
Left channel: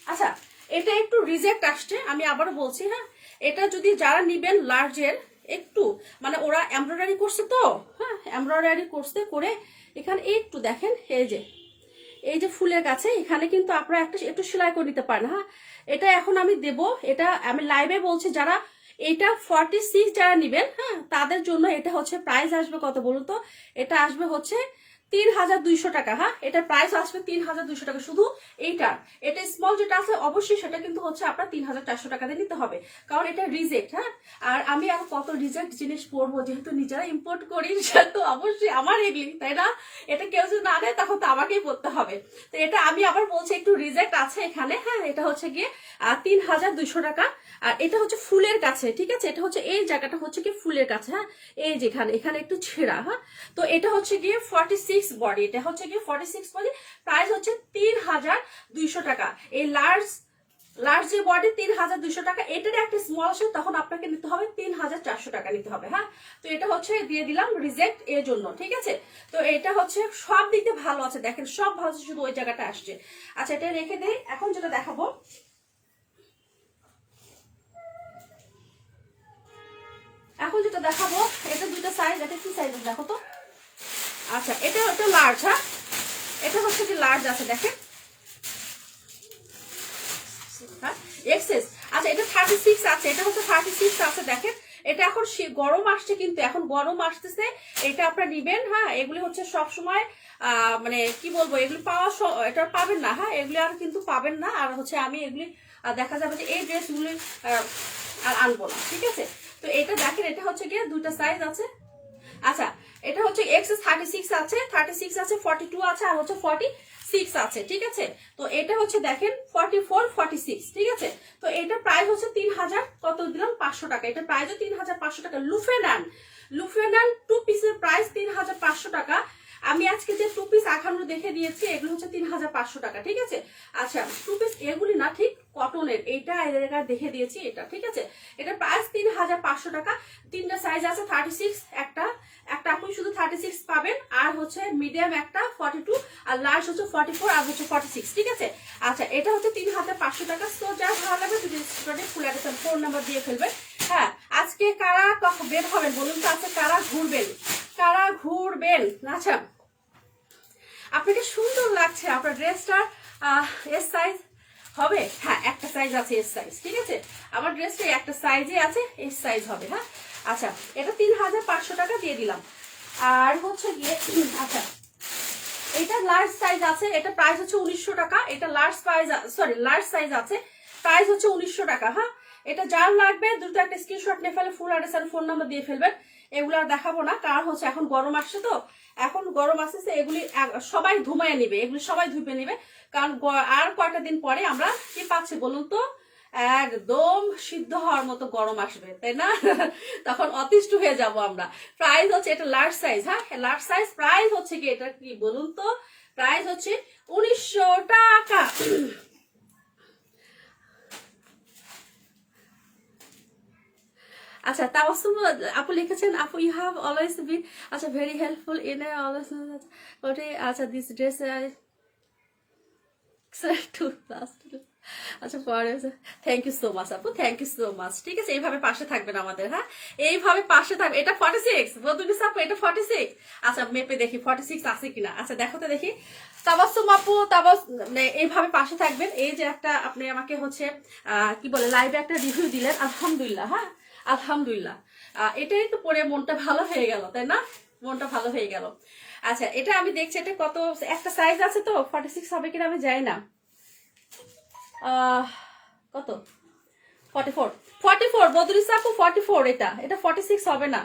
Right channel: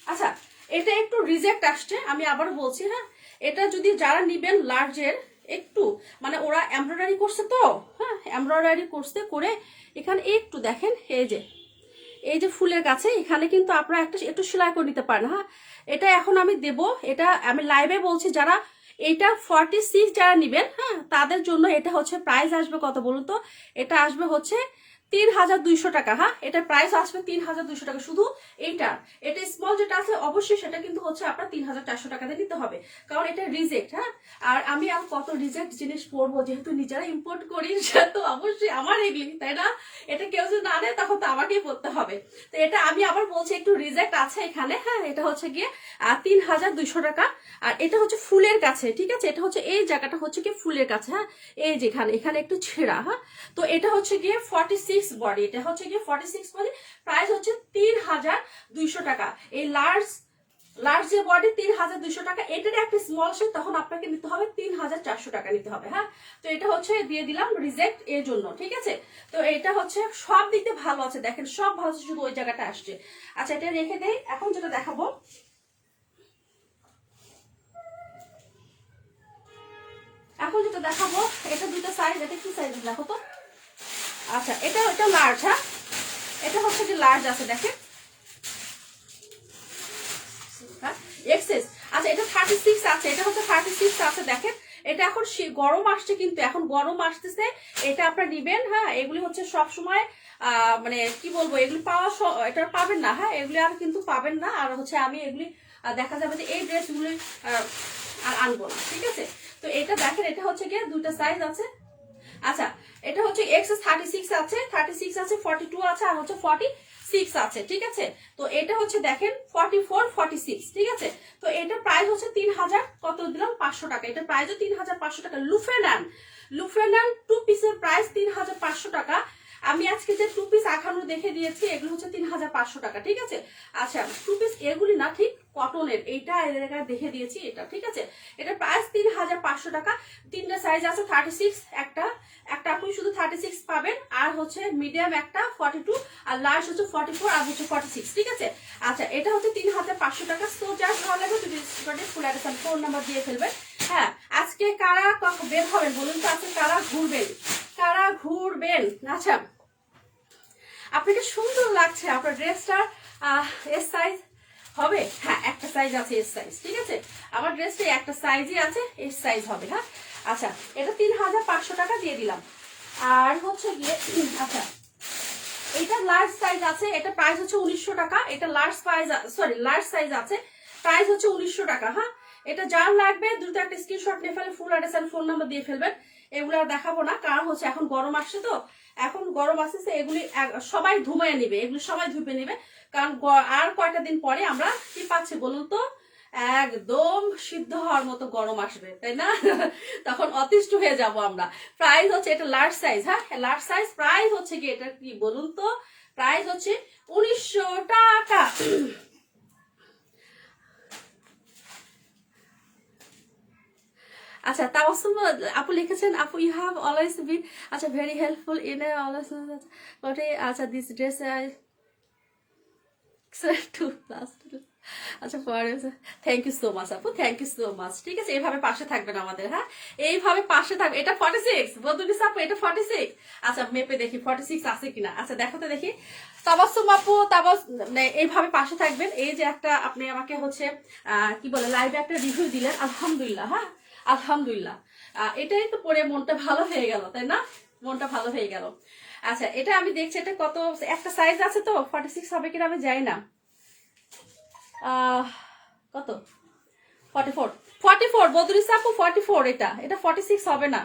আচ্ছা, এটা একটু রিজেক্ট আসছে, আমি আবারও বলছি। হ্যাঁ, এটা যদি যারা নিবেন লার্জের, একটু মানে ওরা এমব্রয়ডারি করছে তো, হ্যাঁ এমব্রয়ডারি করছে করে এখানে একটু দেখেন, এই যে ফুলের কাছে এখানে কিন্তু আপনারা একটু সেলাই করে নিতে পারেন। হ্যাঁ, এটা এখন আমি দেব, এটা আমি লাইভে বলছি, যারা এটা 46 যারা নিবেন, হ্যাঁ তাদের জন্য এটা হচ্ছে প্রাইস আসবে কত বলুন তো, এটা আসবে হচ্ছে 3200 টাকা। হ্যাঁ, এটা প্রাইস আসবে 3200 টাকা শুধু এইটার। এটা স্মল যেটা আছে অবশ্যই সেটা কিন্তু হচ্ছে আপনার 3400 টাকা দিয়ে নিতে হবে, কারণ এটা রিজেক্ট। হ্যাঁ, আর আমি আবার কত রিজেক্ট জিনিস পরবো, যেহেতু নিজেরা ইম্পোর্ট করি সেহেতু অবশ্যই আমার এগুলি, তাই না। এটা কেউ যদি না নেয় তখন তো আমাকেই পড়তে হবে। তো এটা আমি আবার বলছি একটু রিজেক্ট আছে এখানে। হ্যাঁ, এটা হচ্ছে গিয়ে 3200 টাকা। আর এটা হচ্ছে ফুলের কাছে, ঠিক আছে, এটা হচ্ছে এই জায়গাটা হচ্ছে কি ফুলের কাছে। হ্যাঁ, এই যেখানে এখানে একটু ছেঁড়া। হ্যাঁ, তো এটা হচ্ছে গিয়ে 46 বডি, এটা হচ্ছে গিয়ে 46 বডি। প্রাইস হচ্ছে 3200 টাকা। এই লার্জ যে বডি 3200 টাকা, এটার একটা স্মল আছে তখন আপনাকে নিতে হবে 3400 টাকা নিতে হবে। হ্যাঁ, তো এটা হচ্ছে দিয়ে দিলাম রিজেক্ট এর জন্য, ঠিক আছে। তো এটা হচ্ছে সব দিতে ভালো আছে, দেখেন সব ভালো আছে, শুধু ওই জায়গাটা আসছে। আচ্ছা, এটা রেখে দেই। এখন যেটা দেখাবো, এটা দুইটা সাইজ, এটা কি সাইজ দেখো তো। আচ্ছা, এটা লার্জ। হ্যাঁ, এটা হচ্ছে কি লার্জ আছে দেখেন, এক্সেস। আচ্ছা, এটা 36 আছে, এটা হচ্ছে 36 আছে দেখেন। এটা এখন গরম আসছে, কিন্তু এখন গরম আসতেছে, এটা আপনারা নিবেন। হ্যাঁ, এগুলি হচ্ছে সব সময় মানে কি বলবো, এগুলি এটা পাবেন না। হ্যাঁ, এগুলি আর কিন্তু পাবেন না। আর হচ্ছে আমি এগুলি দেখা যাবে যে এই ড্রেসগুলি আর আনবো না, ঠিক আছে। তো এটা দেখেন, এটা হচ্ছে গিয়ে দুটো সাইজ আছে। আচ্ছা, এটা হচ্ছে এক্সেস 36 আছে, 36 আছে, 42 আছে, আর হচ্ছে 46 আছে, ঠিক আছে। তো এটা হচ্ছে দেখেন 44, 46, ঠিক আছে। তো এটার প্রাইস হচ্ছে 3000 কত দিলাম 500 টাকা। এটার প্রাইসও 3500 টাকা। লুফ্রেনান 2 পিসের প্রাইস 3500 টাকা। আমি আজকে যে 2 পিস আখানো দেখে দিয়েছি এগুলো হচ্ছে 3500 টাকা, ঠিক আছে। আচ্ছা 2 পিস এগুলি না, ঠিক কটনের, এইটা দেখে দিয়েছি এটা, ঠিক আছে। এটা প্রাইস 3500 টাকা। 3টা সাইজ আছে, 36 একটা আপনি শুধু 36 পাবেন, আর হচ্ছে মিডিয়াম একটা 42, আর লার্জ হচ্ছে 44, আর হচ্ছে 46, ঠিক আছে। আচ্ছা এটা হচ্ছে 3500 টাকা। সো যা ভালো লাগবে যদি ফুল অ্যাড্রেস ফোন নাম্বার দিয়ে ফেলবেন। হ্যাঁ আজকে কারা বের হবেন বলুন তো, আজকে কারা ঘুরবেন? আচ্ছা আপনাকে সুন্দর লাগছে আপনার ড্রেসটা, এস সাইজ হবে? হ্যাঁ একটা সাইজ আছে এস সাইজ, ঠিক আছে। আমার ড্রেসটা একটা সাইজই আছে, এস সাইজ হবে। হ্যাঁ আচ্ছা এটা 3500 টাকা দিয়ে দিলাম। আর হচ্ছে গিয়ে আচ্ছা এটা লার্জ সাইজ আছে, এটা প্রাইস হচ্ছে 1900 টাকা। এটা লার্জ সাইজ আছে, প্রাইস হচ্ছে 1900 টাকা। হ্যাঁ এটা যার লাগবে দ্রুত একটা স্ক্রিনশট নিয়ে ফেলে full address and phone number দিয়ে ফেলবেন। এগুলো আর দেখাবো না, কারণ হচ্ছে এখন গরম আসছে, তো এখন গরম আসতেছে, এগুলি সবাই ধুমায় নিবে, এগুলি সবাই ধুপে নিবে, কারণ আর কয়েকটা দিন পরে আমরা কি পাচ্ছি বলুন তো, একদম সিদ্ধ হওয়ার মতো গরম আসবে, তাই না? তখন অতিষ্ঠ হয়ে যাব আমরা। প্রাইস হচ্ছে এটা লার্জ সাইজ। হ্যাঁ লার্জ সাইজ, প্রাইস হচ্ছে কি এটা কি বলুন তো, প্রাইস হচ্ছে 1900 টাকা। আচ্ছা তাবাসসুম আপু লিখেছেন, আপু ইউ হ্যাভ অলওয়েজ বিন আচ্ছা ভেরি হেল্পফুল ইন অলওয়েজ। আচ্ছা দিস ড্রেস আচ্ছা পরে থ্যাংক ইউ সো মাচ আপু, থ্যাংক ইউ সো মাচ, ঠিক আছে। এইভাবে পাশে থাকবেন আমাদের, হ্যাঁ এইভাবে পাশে থাকবে। এটা 46 বদুলিস আপু, এটা 46। আচ্ছা মেপে দেখি 46 আছে কিনা। আচ্ছা দেখো তো দেখি। তাবাসসুম আপু এইভাবে পাশে থাকবেন। এই যে একটা আপনি আমাকে হচ্ছে কি বলে লাইভে একটা রিভিউ দিলেন, আলহামদুলিল্লাহ। হ্যাঁ আলহামদুলিল্লাহ, এটাই তো পরে মনটা ভালো হয়ে গেল, তাই না? মনটা ভালো হয়ে গেল। আচ্ছা এটা আমি দেখছি এটা কত, একটা সাইজ আছে তো 46 হবে কিনা আমি জানি না। কত 44 বদরিস আপু 44, এটা 46 হবে না,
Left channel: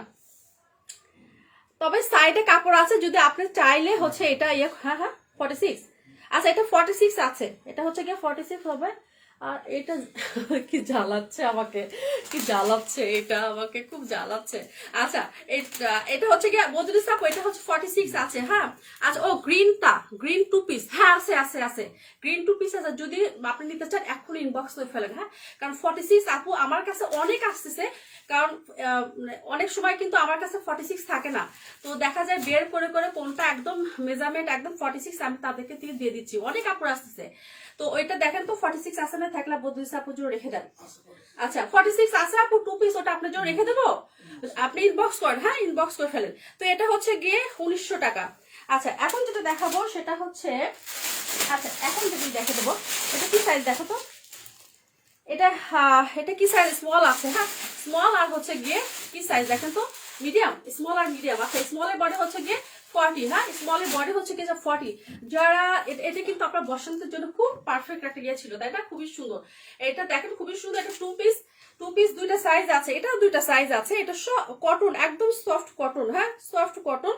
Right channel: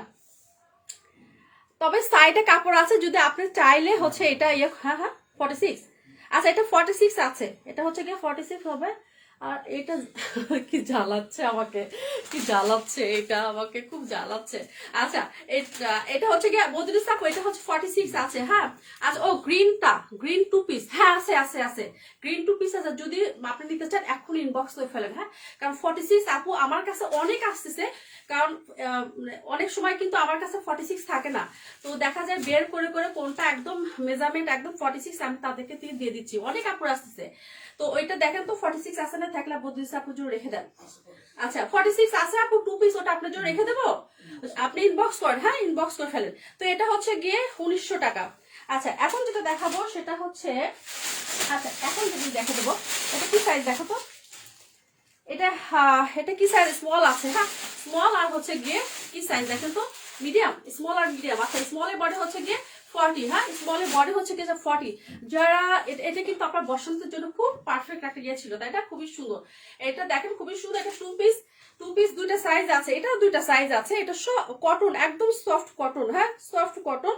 তবে সাইডে কাপড় আছে, যদি আপনি চাইলে হচ্ছে এটা হ্যাঁ হ্যাঁ 46। আচ্ছা এটা 46 আছে, এটা হচ্ছে গিয়ে 46 হবে। আর এটা কি জ্বালাচ্ছে আমাকে, কি জ্বালাচ্ছে, এটা আমাকে খুব জ্বালাচ্ছে। আচ্ছা এটা হচ্ছে গিয়ে বদরিস আপু, এটা হচ্ছে 46 আছে। হ্যাঁ আচ্ছা ও গ্রিন 2 পিস, হ্যাঁ আছে আছে আছে, গ্রিন 2 পিস আছে। যদি আপনি নিতে চান এখন ইনবক্স করে ফেলেন। হ্যাঁ কারণ 46 আপু আমার কাছে অনেক আসতেছে, কারণ অনেক সময় কিন্তু আমার কাছে 46 থাকে না, তো দেখা যায় বের করে করে কোনটা একদম মেজারমেন্ট একদম 46 আমি তাদেরকে দিয়ে দিচ্ছি, অনেক কাপড় আসতেছে। তো ওইটা দেখেন তো 46 আছে না, থাকলে বদলিস আপুর জন্য রেখে দেন। আচ্ছা 46 আছে আপু 2 পিস, ওটা আপনার জন্য রেখে দেবো, আপনি ইনবক্স করেন। হ্যাঁ ইনবক্স করে ফেলেন। তো এটা হচ্ছে গিয়ে 1900 টাকা। আচ্ছা এখন যেটা দেখাবো সেটা হচ্ছে, আচ্ছা এখন যদি দেখে দেবো, এটা কি সাইজ দেখো তো, এটা কি সাইজ, স্মল আছে। হ্যাঁ স্মল, আর হচ্ছে গিয়ে কি সাইজ দেখেন তো, মিডিয়াম, স্মল আর মিডিয়াম। আচ্ছা স্মলের বডি হচ্ছে গিয়ে 40। হ্যাঁ স্মলের বডি হচ্ছে গিয়ে 40। যারা এটা কিন্তু আপনার বসন্তের জন্য খুব পারফেক্ট একটা ইয়ে ছিল, তাই না? খুবই সুন্দর, এটা দেখেন খুবই সুন্দর। এটা 2 পিস 2টা সাইজ আছে, এটাও 2টা সাইজ আছে। এটা কটন, একদম সফট কটন। হ্যাঁ সফট কটন,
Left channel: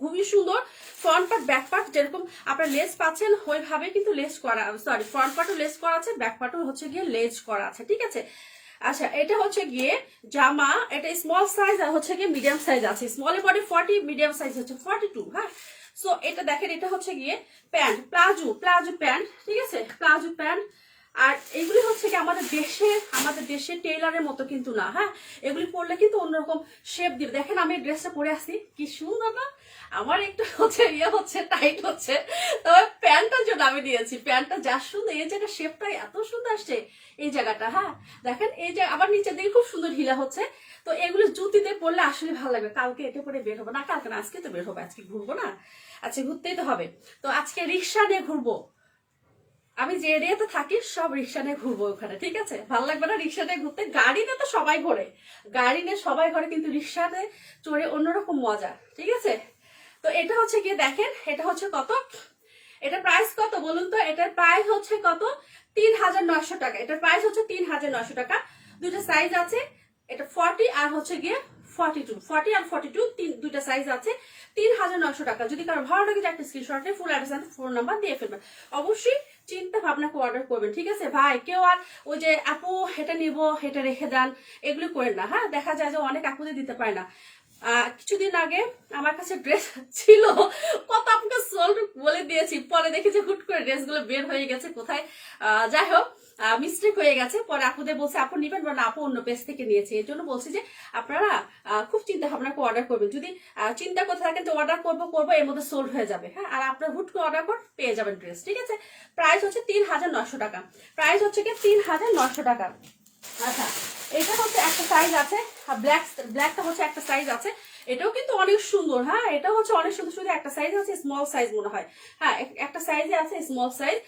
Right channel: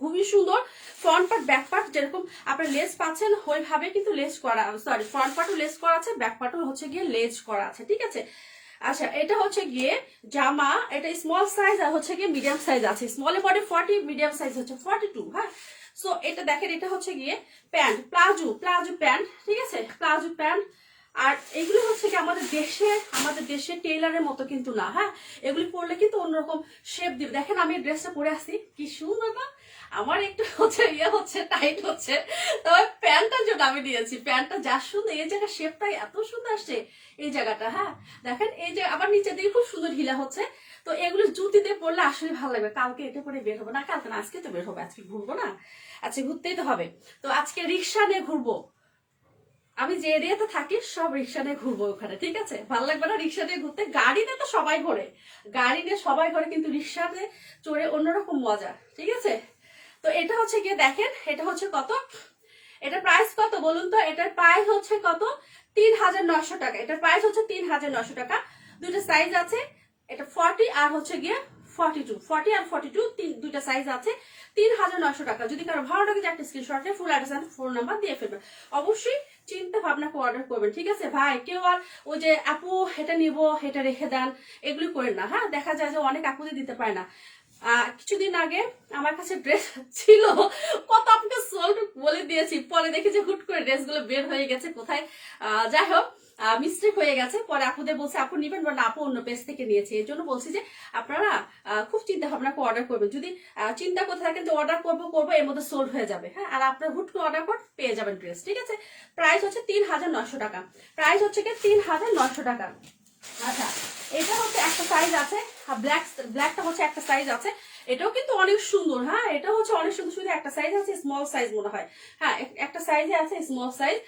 খুবই সুন্দর। ফ্রন্ট পার্ট ব্যাক পার্ট যেরকম আপনার লেস পাচ্ছেন ওইভাবে কিন্তু লেস করা, সরি ফ্রন্ট পার্টও লেস করা আছে, ব্যাক পার্টও হচ্ছে গিয়ে লেস করা আছে, ঠিক আছে। আচ্ছা এটা হচ্ছে গিয়ে জামা, এটা স্মল সাইজ আর হচ্ছে গিয়ে মিডিয়াম সাইজ আছে। স্মলের বডি 40, মিডিয়াম সাইজ হচ্ছে 42। হ্যাঁ সো এটা দেখেন, এটা হচ্ছে গিয়ে প্যান্ট, প্লাজো প্যান্ট, ঠিক আছে, প্লাজো প্যান্ট। আর এগুলি হচ্ছে কি আমাদের দেশের টেইলারের মতো কিন্তু না। হ্যাঁ এগুলি পরলে কিন্তু অন্যরকম শেপ দিবে। দেখেন আমি ড্রেসটা পরে আসছি, কি সুন্দর না? আমার একটু হচ্ছে টাইট হচ্ছে, তবে প্যান্টটার জন্য আমি নিয়েছি। প্যান্টটা যা সুন্দর, এই জায়গার শেপটা এত সুন্দর আসছে এই জায়গাটা। হ্যাঁ দেখেন এই যে আবার নিচের দিকে খুব সুন্দর ঢিলা হচ্ছে। তো এগুলো জুতিতে পরলে আসলে ভালো লাগবে। কালকে এটা পরে বের হবো না, কালকে না আজকে তো বের হবো, আজকে ঘুরবো না, আজকে ঘুরতেই তো হবে। তো আজকে রিক্সা নিয়ে ঘুরবো, আমি যে এরিয়াতে থাকি সব রিক্সা নিয়ে ঘুরবো ওখানে, ঠিক আছে। ভালো লাগবে না রিক্সা নিয়ে ঘুরতে? গাড়ি নিয়ে তো সবাই ঘোরে, গাড়ি নিয়ে সবাই ঘোরে, কিন্তু রিক্সাতে চড়ে অন্যরকম মজা, ঠিক আছে। তো এটা হচ্ছে গিয়ে দেখেন, এটা হচ্ছে কত, এটা প্রাইস কত বলুন তো, এটার প্রাইস হচ্ছে কত, 3900 টাকা। এটার প্রাইস হচ্ছে 3900 টাকা। 2টা সাইজ আছে, এটা 40 আর হচ্ছে গিয়ে 40 আর 42, 2টা সাইজ আছে। 3900 টাকা। যদি কারো ভালো লাগে একটা স্ক্রিনশট নিয়ে full address and phone number দিয়ে ফেলবেন। অবশ্যই চিন্তা ভাবনা করে অর্ডার করবেন, ঠিক আছে ভাই। কেউ আর ওই যে আপু এটা নিবো এটা রেখে দেন এগুলি করেন না। হ্যাঁ দেখা যায় যে অনেক আপুদের দিতে পারে না। কিছুদিন আগে আমার কাছে ড্রেস ছিল, কত আপনাকে সোল্ড বলে দিয়েছি, পরে দেখি যে হুট করে ড্রেসগুলো বের হয়ে গেছে কোথায়। যাই হোক, মিস্টেক হয়ে গেছে। পরে আপুদের বলছে আপু নিবেন, বা না আপু অন্য পেজ থেকে নিয়েছি। এর জন্য বলছি যে আপনারা খুব চিন্তা ভাবনা করে অর্ডার করবেন। যদি চিন্তা করে থাকেন যে অর্ডার করবো এর মধ্যে সোল্ড হয়ে যাবে, হ্যাঁ, আর আপনার হুট করে অর্ডার করে পেয়ে যাবেন ড্রেস, ঠিক আছে। প্রাইস হচ্ছে 3900 টাকা, প্রাইস হচ্ছে কি 3900 টাকা। আচ্ছা, এটা হচ্ছে একটা সাইজ আছে, ব্ল্যাকটা হচ্ছে একটা সাইজ আছে, এটাও কিন্তু অনেক সুন্দর। হ্যাঁ, এটা হচ্ছে অনেক সুন্দর, শুধু একটা সাইজ আছে, স্মল সাইজ মনে হয়। হ্যাঁ, একটা সাইজে আছে স্মল সাইজ।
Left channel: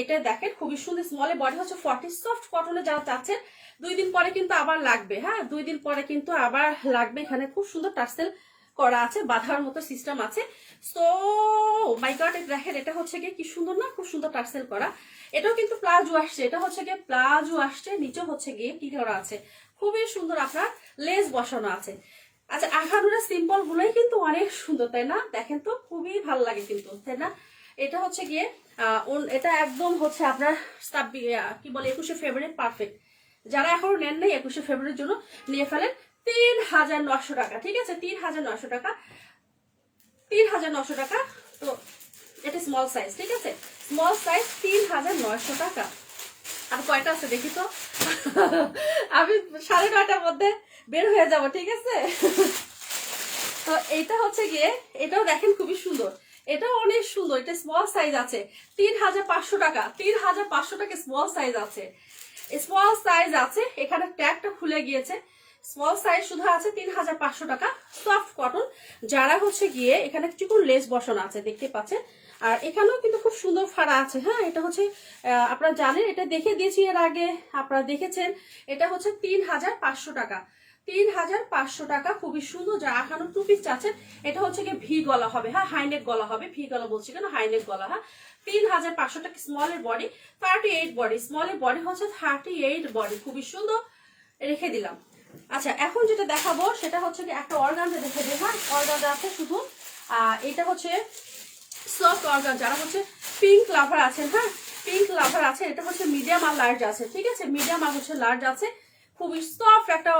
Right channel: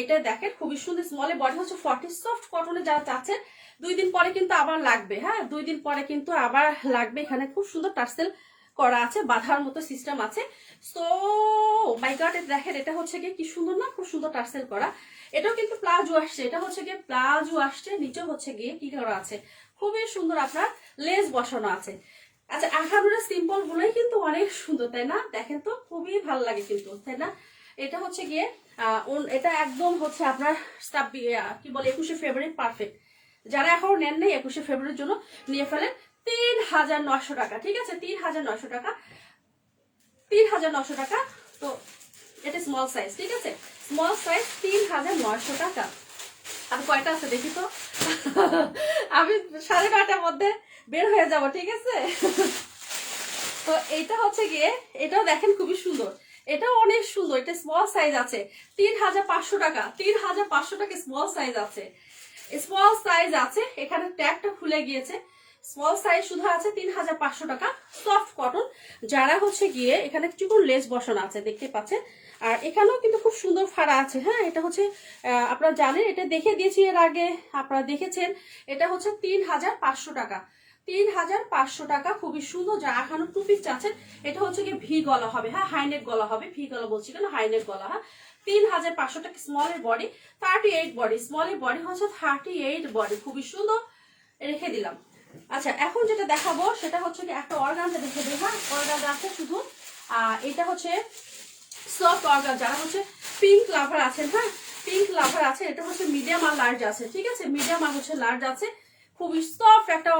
এটা দেখেন খুবই সুন্দর, স্মলে বডি হচ্ছে 40, সফট কটনে যারা চাচ্ছেন 2 দিন পরে কিন্তু আবার লাগবে। হ্যাঁ, 2 দিন পরে কিন্তু আবার লাগবে। এখানে খুব সুন্দর টার্সেল করা আছে, বাঁধার মতো সিস্টেম আছে। সো মাই গড, দেখেন এটা হচ্ছে কি সুন্দর না, খুব সুন্দর টার্সেল করা। এটাও কিন্তু প্লাজো আসছে, এটা হচ্ছে গিয়ে প্লাজো আসছে, নিচে হচ্ছে গিয়ে কি করা আছে, খুবই সুন্দর আপনার লেস বসানো আছে। আচ্ছা, আঠারোটা সিম্পল গুলোই কিন্তু অনেক সুন্দর, তাই না? দেখেন তো খুবই ভালো লাগে কিন্তু, তাই না? এটা হচ্ছে গিয়ে এটা একদম হচ্ছে আপনার কি বলে 21শে ফেব্রুয়ারি পারফেক্ট। যারা এখনো নেন নাই 21শে ফেব্রুয়ারির জন্য নিয়ে ফেলেন। 3900 টাকা, ঠিক আছে, 3900 টাকা, 3900 টাকা। তো এটা স্মল সাইজ, ঠিক আছে, স্মল সাইজ 3900 টাকা। আর কয়টা আছে দেখি তো, আমি 9:30টার মধ্যে বের হয়ে যাব, ঠিক আছে। তো এইটা হচ্ছে গিয়ে, এটাও দেখেন খুবই সুন্দর, এটাও অনেক সুন্দর। এটা স্মল সাইজ আছে 3500 টাকা, 3500 টাকা স্মল সাইজ আছে, স্মল সাইজ আছে। এখানে ট্যাগটা খুলে গিয়েছে, স্মল সাইজ শুধু আছে 3500 টাকা, সফট কটন। যারা হচ্ছে গিয়ে এখানে চিকন লেস বসানো আছে দেখতে পাচ্ছেন, আর এখানেও কিন্তু খুব সুন্দর ফাড়া আছে। হ্যাঁ, এটা হচ্ছে আপনারা জানেন, এটা দেখে দিয়েছি এর আগে, আপনারা দেখেছেন। এটা হচ্ছে 3500 টাকা, 3500 টাকা, খুবই সুন্দর। যারা এখানে টু পিস চাচ্ছেন, এটা হচ্ছে গিয়ে ভি গলা হবে। হ্যাঁ, হাইনেক গলা হবে, ভি গলা বলছি কেন, হাইনেক গলা। হ্যাঁ, 3500 টাকা, স্মলের বডি 38 বডি, স্মলের বডি হচ্ছে 38 বডি, খুবই সুন্দর, রেখে দিলাম। আচ্ছা, এখন যেটা দেখাবো সেটা হচ্ছে কি একটা অর্গানজা দেখে দিই। হ্যাঁ, অর্গানজা আছে শুধু, এটা হচ্ছে সফট অর্গানজা। যারা হচ্ছে পিঙ্ক লাভার আছেন, হ্যাঁ, পিঙ্ক লাভার আছে, এটা হচ্ছে মিডিয়াম আর লার্জ আছে, ঠিক আছে, মিডিয়াম আর হচ্ছে লার্জ আছে। খুবই সফট একটা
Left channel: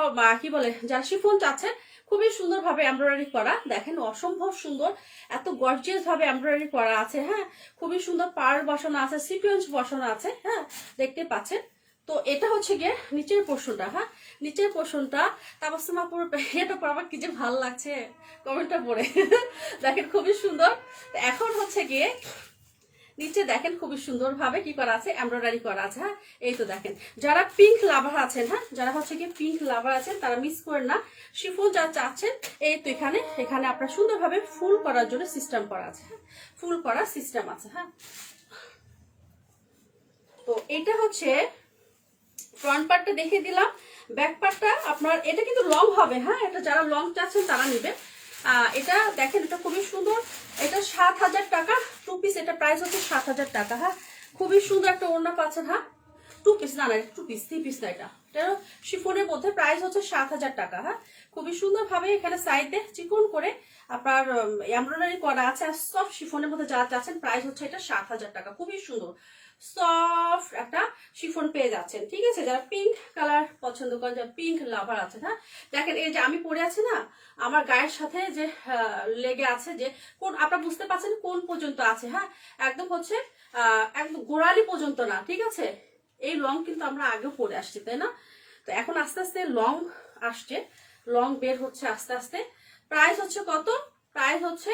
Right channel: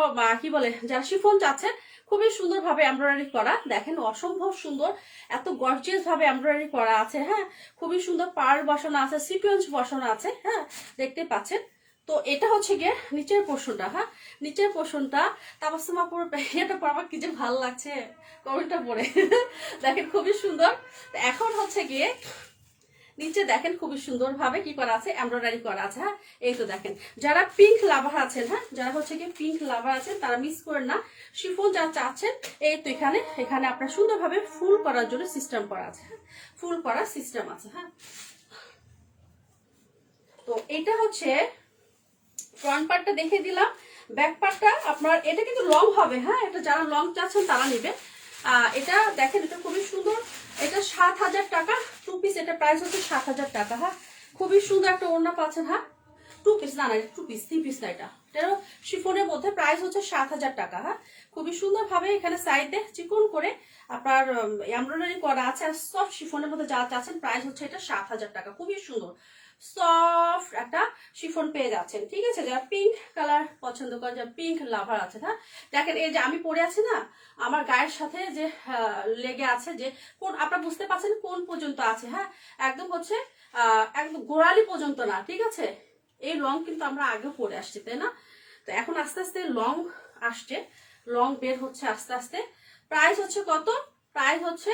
কি বলে, যারা শিফন চাচ্ছেন, খুবই সুন্দর ভাবে এমব্রয়ডারি করা, দেখেন অসম্ভব সুন্দর, এত গর্জিয়াস ভাবে এমব্রয়ডারি করা আছে। হ্যাঁ, খুবই সুন্দর পার্ল বসানো আছে, সিকোয়েন্স বসানো আছে। হ্যাঁ, দেখতে পাচ্ছেন। তো এটা হচ্ছে গিয়ে নিচের পোর্শনটা। হ্যাঁ, নিচের পোর্শনটা তাবাসসুমা পুরো এটা পর কি যে ভালো লাগছে কমেন্টটা পড়ে। দেখেন খুবই সুন্দর। এখন হচ্ছে গিয়ে নিচে দেখেন খুবই সুন্দর ভাবে কি করা আছে, এমব্রয়ডারি করা আছে। হ্যাঁ, এই তো দেখেন, যারা পিঙ্ক লাভার আছেন, হ্যাঁ, যারা হচ্ছে কি পিঙ্ক লাভার আছেন, তারা মিস করেন না। শিফন যা চাচ্ছেন, এই তো এখানে আপনার সুন্দরভাবে ফুল করার জন্য সিস্টেম করা আছে। হ্যাঁ, ফুল করার সিস্টেম আছে। হ্যাঁ, তো এটা হচ্ছে ফ্রন্ট পার্টটা দেখে দিলাম। ব্যাক পার্টটা আপনার, এটা কিন্তু লং হবে। হ্যাঁ, এটা যারা লং চাচ্ছেন তারা নেবেন। এটা দেখেন, এটা খুবই সুন্দর, এটা 7000 টাকা টু পিস, এটা প্রাইস হচ্ছে 7000 টাকা। হ্যাঁ, খুবই সুন্দর একটা ওড়না পাচ্ছেন। হ্যাঁ, টু পিস না, টু পিস, 3 পিস না, এটাও শিফনের মধ্যে, প্রাইস হচ্ছে 7000 টাকা। হ্যাঁ, খুবই সুন্দর ভাবে এখানে সাইডে চিকন করে আপনার এমব্রয়ডারি করা আছে, আর সফট শিফনের মধ্যে যা চাচ্ছেন, প্রাইস হচ্ছে এটা 7000 টাকা। খুবই সুন্দর সফট একটা শিফন পেয়ে যাচ্ছেন, ঠিক আছে। যারা পিঙ্ক কালার পছন্দ করেন, যারা পিঙ্ক লাভার আছে, হ্যাঁ, দেখেন এই যে আমি পরে আছি না, আমার গায়ের সাথে যে লেগে আছে, যে কোন আপনারা বুঝতে পারছেন কোন পর্যন্ত আছে। হ্যাঁ, একদম হচ্ছে একদম গোড়ালি পর্যন্ত না, ঠিক আছে। এই লং কিন্তু আমরা আগেও পরে আসছি, তাই না? তো এখন আস্তে আস্তে লং আসছে, লং বের হচ্ছে আস্তে আস্তে। প্রাইস হচ্ছে কত? প্রাইস হচ্ছে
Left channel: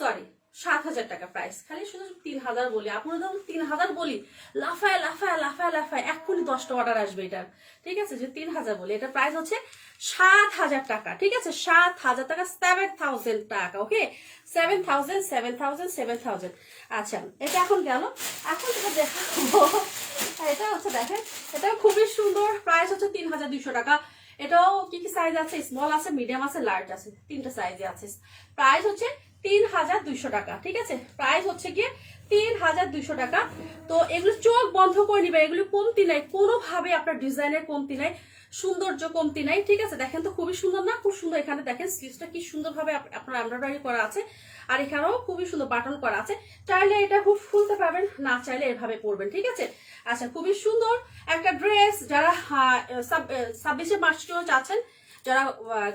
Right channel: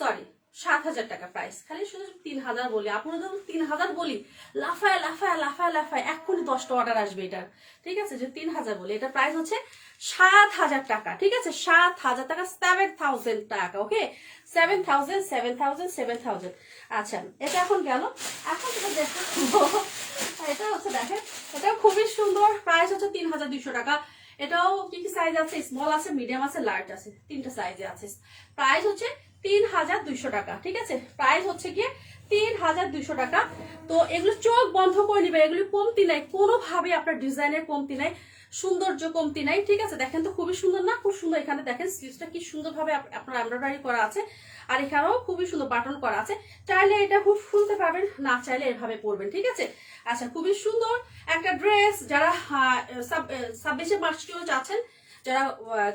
সরি 7000 টাকা প্রাইস। খালি শুধু 3000 বলি, আপনারা ধরুন 3000 বলি, লাফায় লাফায় লাফায় লাফায় এক্ষুনি 10টা অর্ডার আসবে এটা, ঠিক আছে। যে 3000 বলি, এটা প্রাইস হচ্ছে 7000 টাকা, ঠিক আছে, 7000 টাকা, 7000 টাকা। ওকে, 7000 7000 7000। আচ্ছা, এটা এখন গেল। এখন যেটা দেখাবো, এটা হচ্ছে দেখেন, এটাও খুবই সুন্দর, প্রাইস হচ্ছে 3200 টাকা। এটাও কি কি সাইজ আছে, স্মল আছে, মিডিয়াম আছে, লার্জ আছে, 3টা সাইজে আছে। প্রাইস হচ্ছে 3200 টাকা, ঠিক আছে, প্রাইস হচ্ছে গিয়ে 3200 টাকা। তো এগুলো চোখ বন্ধ করে নিবে, এগুলো কমতি নাই, কোনোভাবে আপনার ডিজাইনের কমতি নাই, সৌন্দর্য কমতি নাই, ঠিক আছে। দেখেন তো খুবই সুন্দর না, খুব সুন্দর। এখানে দেখেন স্লিভসটা কি সুন্দর ভাবে আপনার এমব্রয়ডারি করা আছে, আর এখানেও খুবই সুন্দর বাটন করা আছে। চাইলে এটা খুব খুলতে পারবেন, না চাইলে এভাবে পরবেন, ঠিক আছে। আচ্ছা, খুবই সুন্দর একটা ড্রেস। যারা 26শে মার্চ চাচ্ছেন, যারা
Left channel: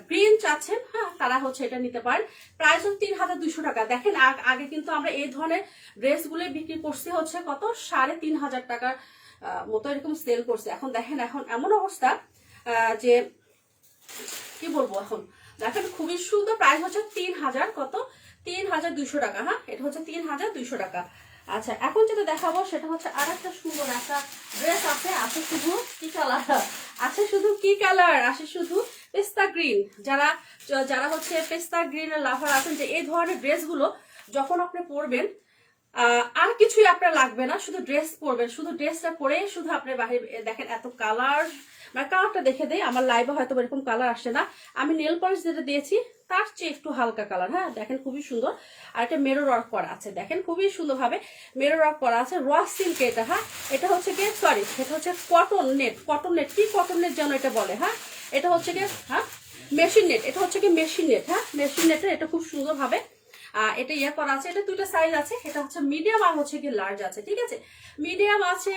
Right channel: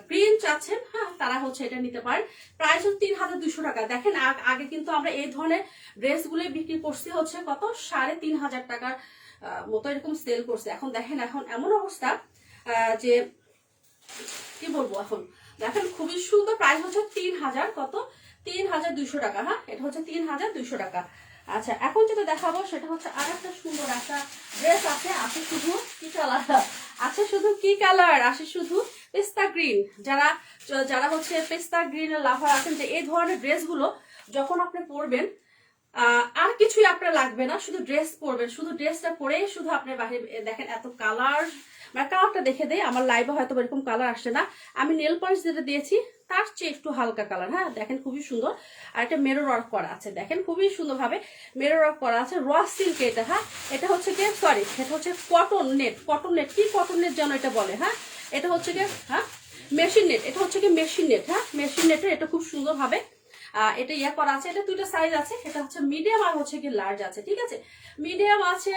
গ্রিন চাচ্ছেন, হ্যাঁ, তারা হচ্ছে এটা নিতে পারেন। প্রাইস হচ্ছে 3200 টাকা। দেখেন আগে কিন্তু আমরা এই ধরনের ড্রেসগুলো বিক্রি করছি হচ্ছে কত 3500 টাকার মতো এরকম সেল করছে। এখন দেখেন এখন এমন অবস্থা যে কি বলবো, এখন দেখেন খুবই সুন্দর। প্রাইস হচ্ছে 3000 কত 3200 টাকা। হ্যাঁ, এটা হচ্ছে 3200 টাকা। আচ্ছা, এখন যেটা দেখাবো সেটা হচ্ছে আর একটা সুন্দর একটা ড্রেস আছে। আছে শুধু কি কালার, আছে শুধু কি কালার, আছে শুধু পেস্তা গ্রিন। যারা যারা হচ্ছে পেস্তা গ্রিনের লাভার আছেন, যে এই ধরনের ড্রেসগুলো যখন আপনি পরবেন আর কিছুই আপনার লাগবে না, শুধু ড্রেস পরবেন, শুধু ড্রেসটা পরেই শুধু আপনি বাহির। দেখেন এত কালার, মানে কালারটা দেখে দেয়। আমার লাইভে হয়তো এরকম কালার আসছে না, আমি নেল পলিশ যেটা দিয়েছি তার চেয়ে একটু হালকা কালার। হ্যাঁ, দেখেন খুবই সুন্দর। আর একটা মেরো ওয়ার্ক করা আছে, দেখেন খুবই সুন্দরভাবে মেরো ওয়ার্ক করা আছে। র সিল্ক এটা। হ্যাঁ, এটা হচ্ছে কি, সরি, এটা হচ্ছে কটন নেট। কটন নেট কি কটন নেট যেন এটা বলে। হ্যাঁ, এটা হচ্ছে কি, হ্যাঁ, মেশিন নেট। এটা হচ্ছে কি মেশিন নেট। হ্যাঁ, মেশিন নেটের এটা খুব সুন্দরভাবে এটা ইয়ে করা আছে। এটা দুইটা সাইজ আছে, এটা হচ্ছে মিডিয়াম আর হচ্ছে কি লার্জ আছে। ঠিক আছে, মিডিয়াম আছে।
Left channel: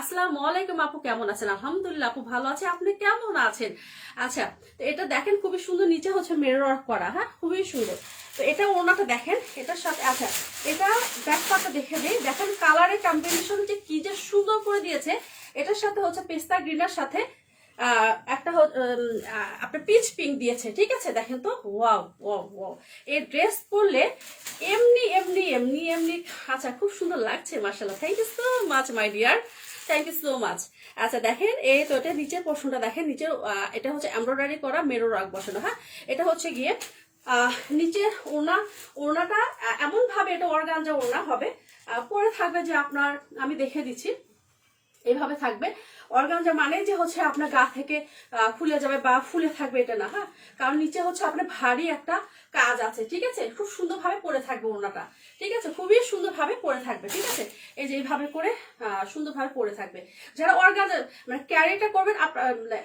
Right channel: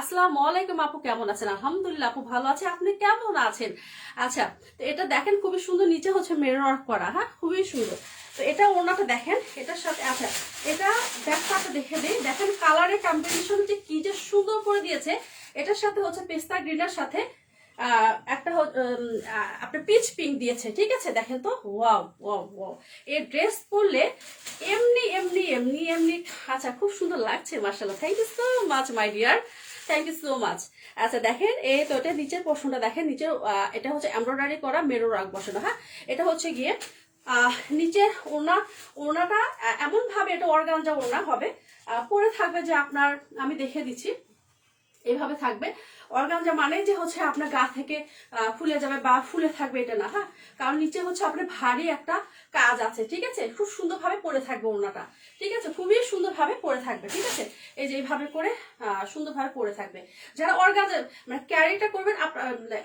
আসসালামু আলাইকুম আপু, কেমন আছেন? আলহামদুলিল্লাহ আপু ভালো আছে, আপনি কেমন আছেন? আচ্ছা, তো এটা দেখেন খুবই সুন্দর, নিচে হচ্ছে মিরর ওয়ার্ক করা। হ্যাঁ, খুবই সুন্দর। তো এটা ওনাকে দেখেন, এটার সাথে আচ্ছা এটা ব্যাকপার্টটা দেখে দিই। দেখেন কালারের কম্বিনেশন যে কি যে সুন্দর করে দিয়েছে। এটার সাথে হচ্ছে পেস্তা গ্রিনের সাথে একটা আপনার পিচ পিঙ্ক দিয়েছে। ঠিক আছে, দেখেন তো, ওয়াও ওয়াও ওয়াও। এই ড্রেস পরলে এমনি এমনি এমনি এমনি আচ্ছা খুব সুন্দর লাগছে মাশাআল্লাহ। Thank you so much my dear, thank you so much. আচ্ছা দেখেন এই তো, এটা নিচের পোর্শনটা দেখেন, নিচে এটা হচ্ছে এমব্রয়ডারি করা মেরো ওয়ার্ক বসানো। হ্যাঁ, এটা হচ্ছে গিয়ে নিচের ওড়নাটা এমন ভাবে, এটা অর্গানজা ওড়না হবে, পরে থাকবে যে আপনার, আমি দেখে দিচ্ছি, এইভাবে থাকবে। অর্গানজা মানে যে হচ্ছে আপনার গা থেকে ফুলে যাবে বা ফুলে থাকবে এটা না। হ্যাঁ, কারণ নিচে হচ্ছে আপনার ভারী একটা কাজ আছে। ঠিক আছে, খুব সুন্দরভাবে পরে থাকবে ওড়নাটা। ঠিক আছে, খুবই সুন্দরভাবে পরে থাকবে। ঠিক আছে, এই যে এইভাবে করে সুন্দরভাবে পরে থাকবে। যারা অর্গানজা মানে ক্যারিটা করবেন,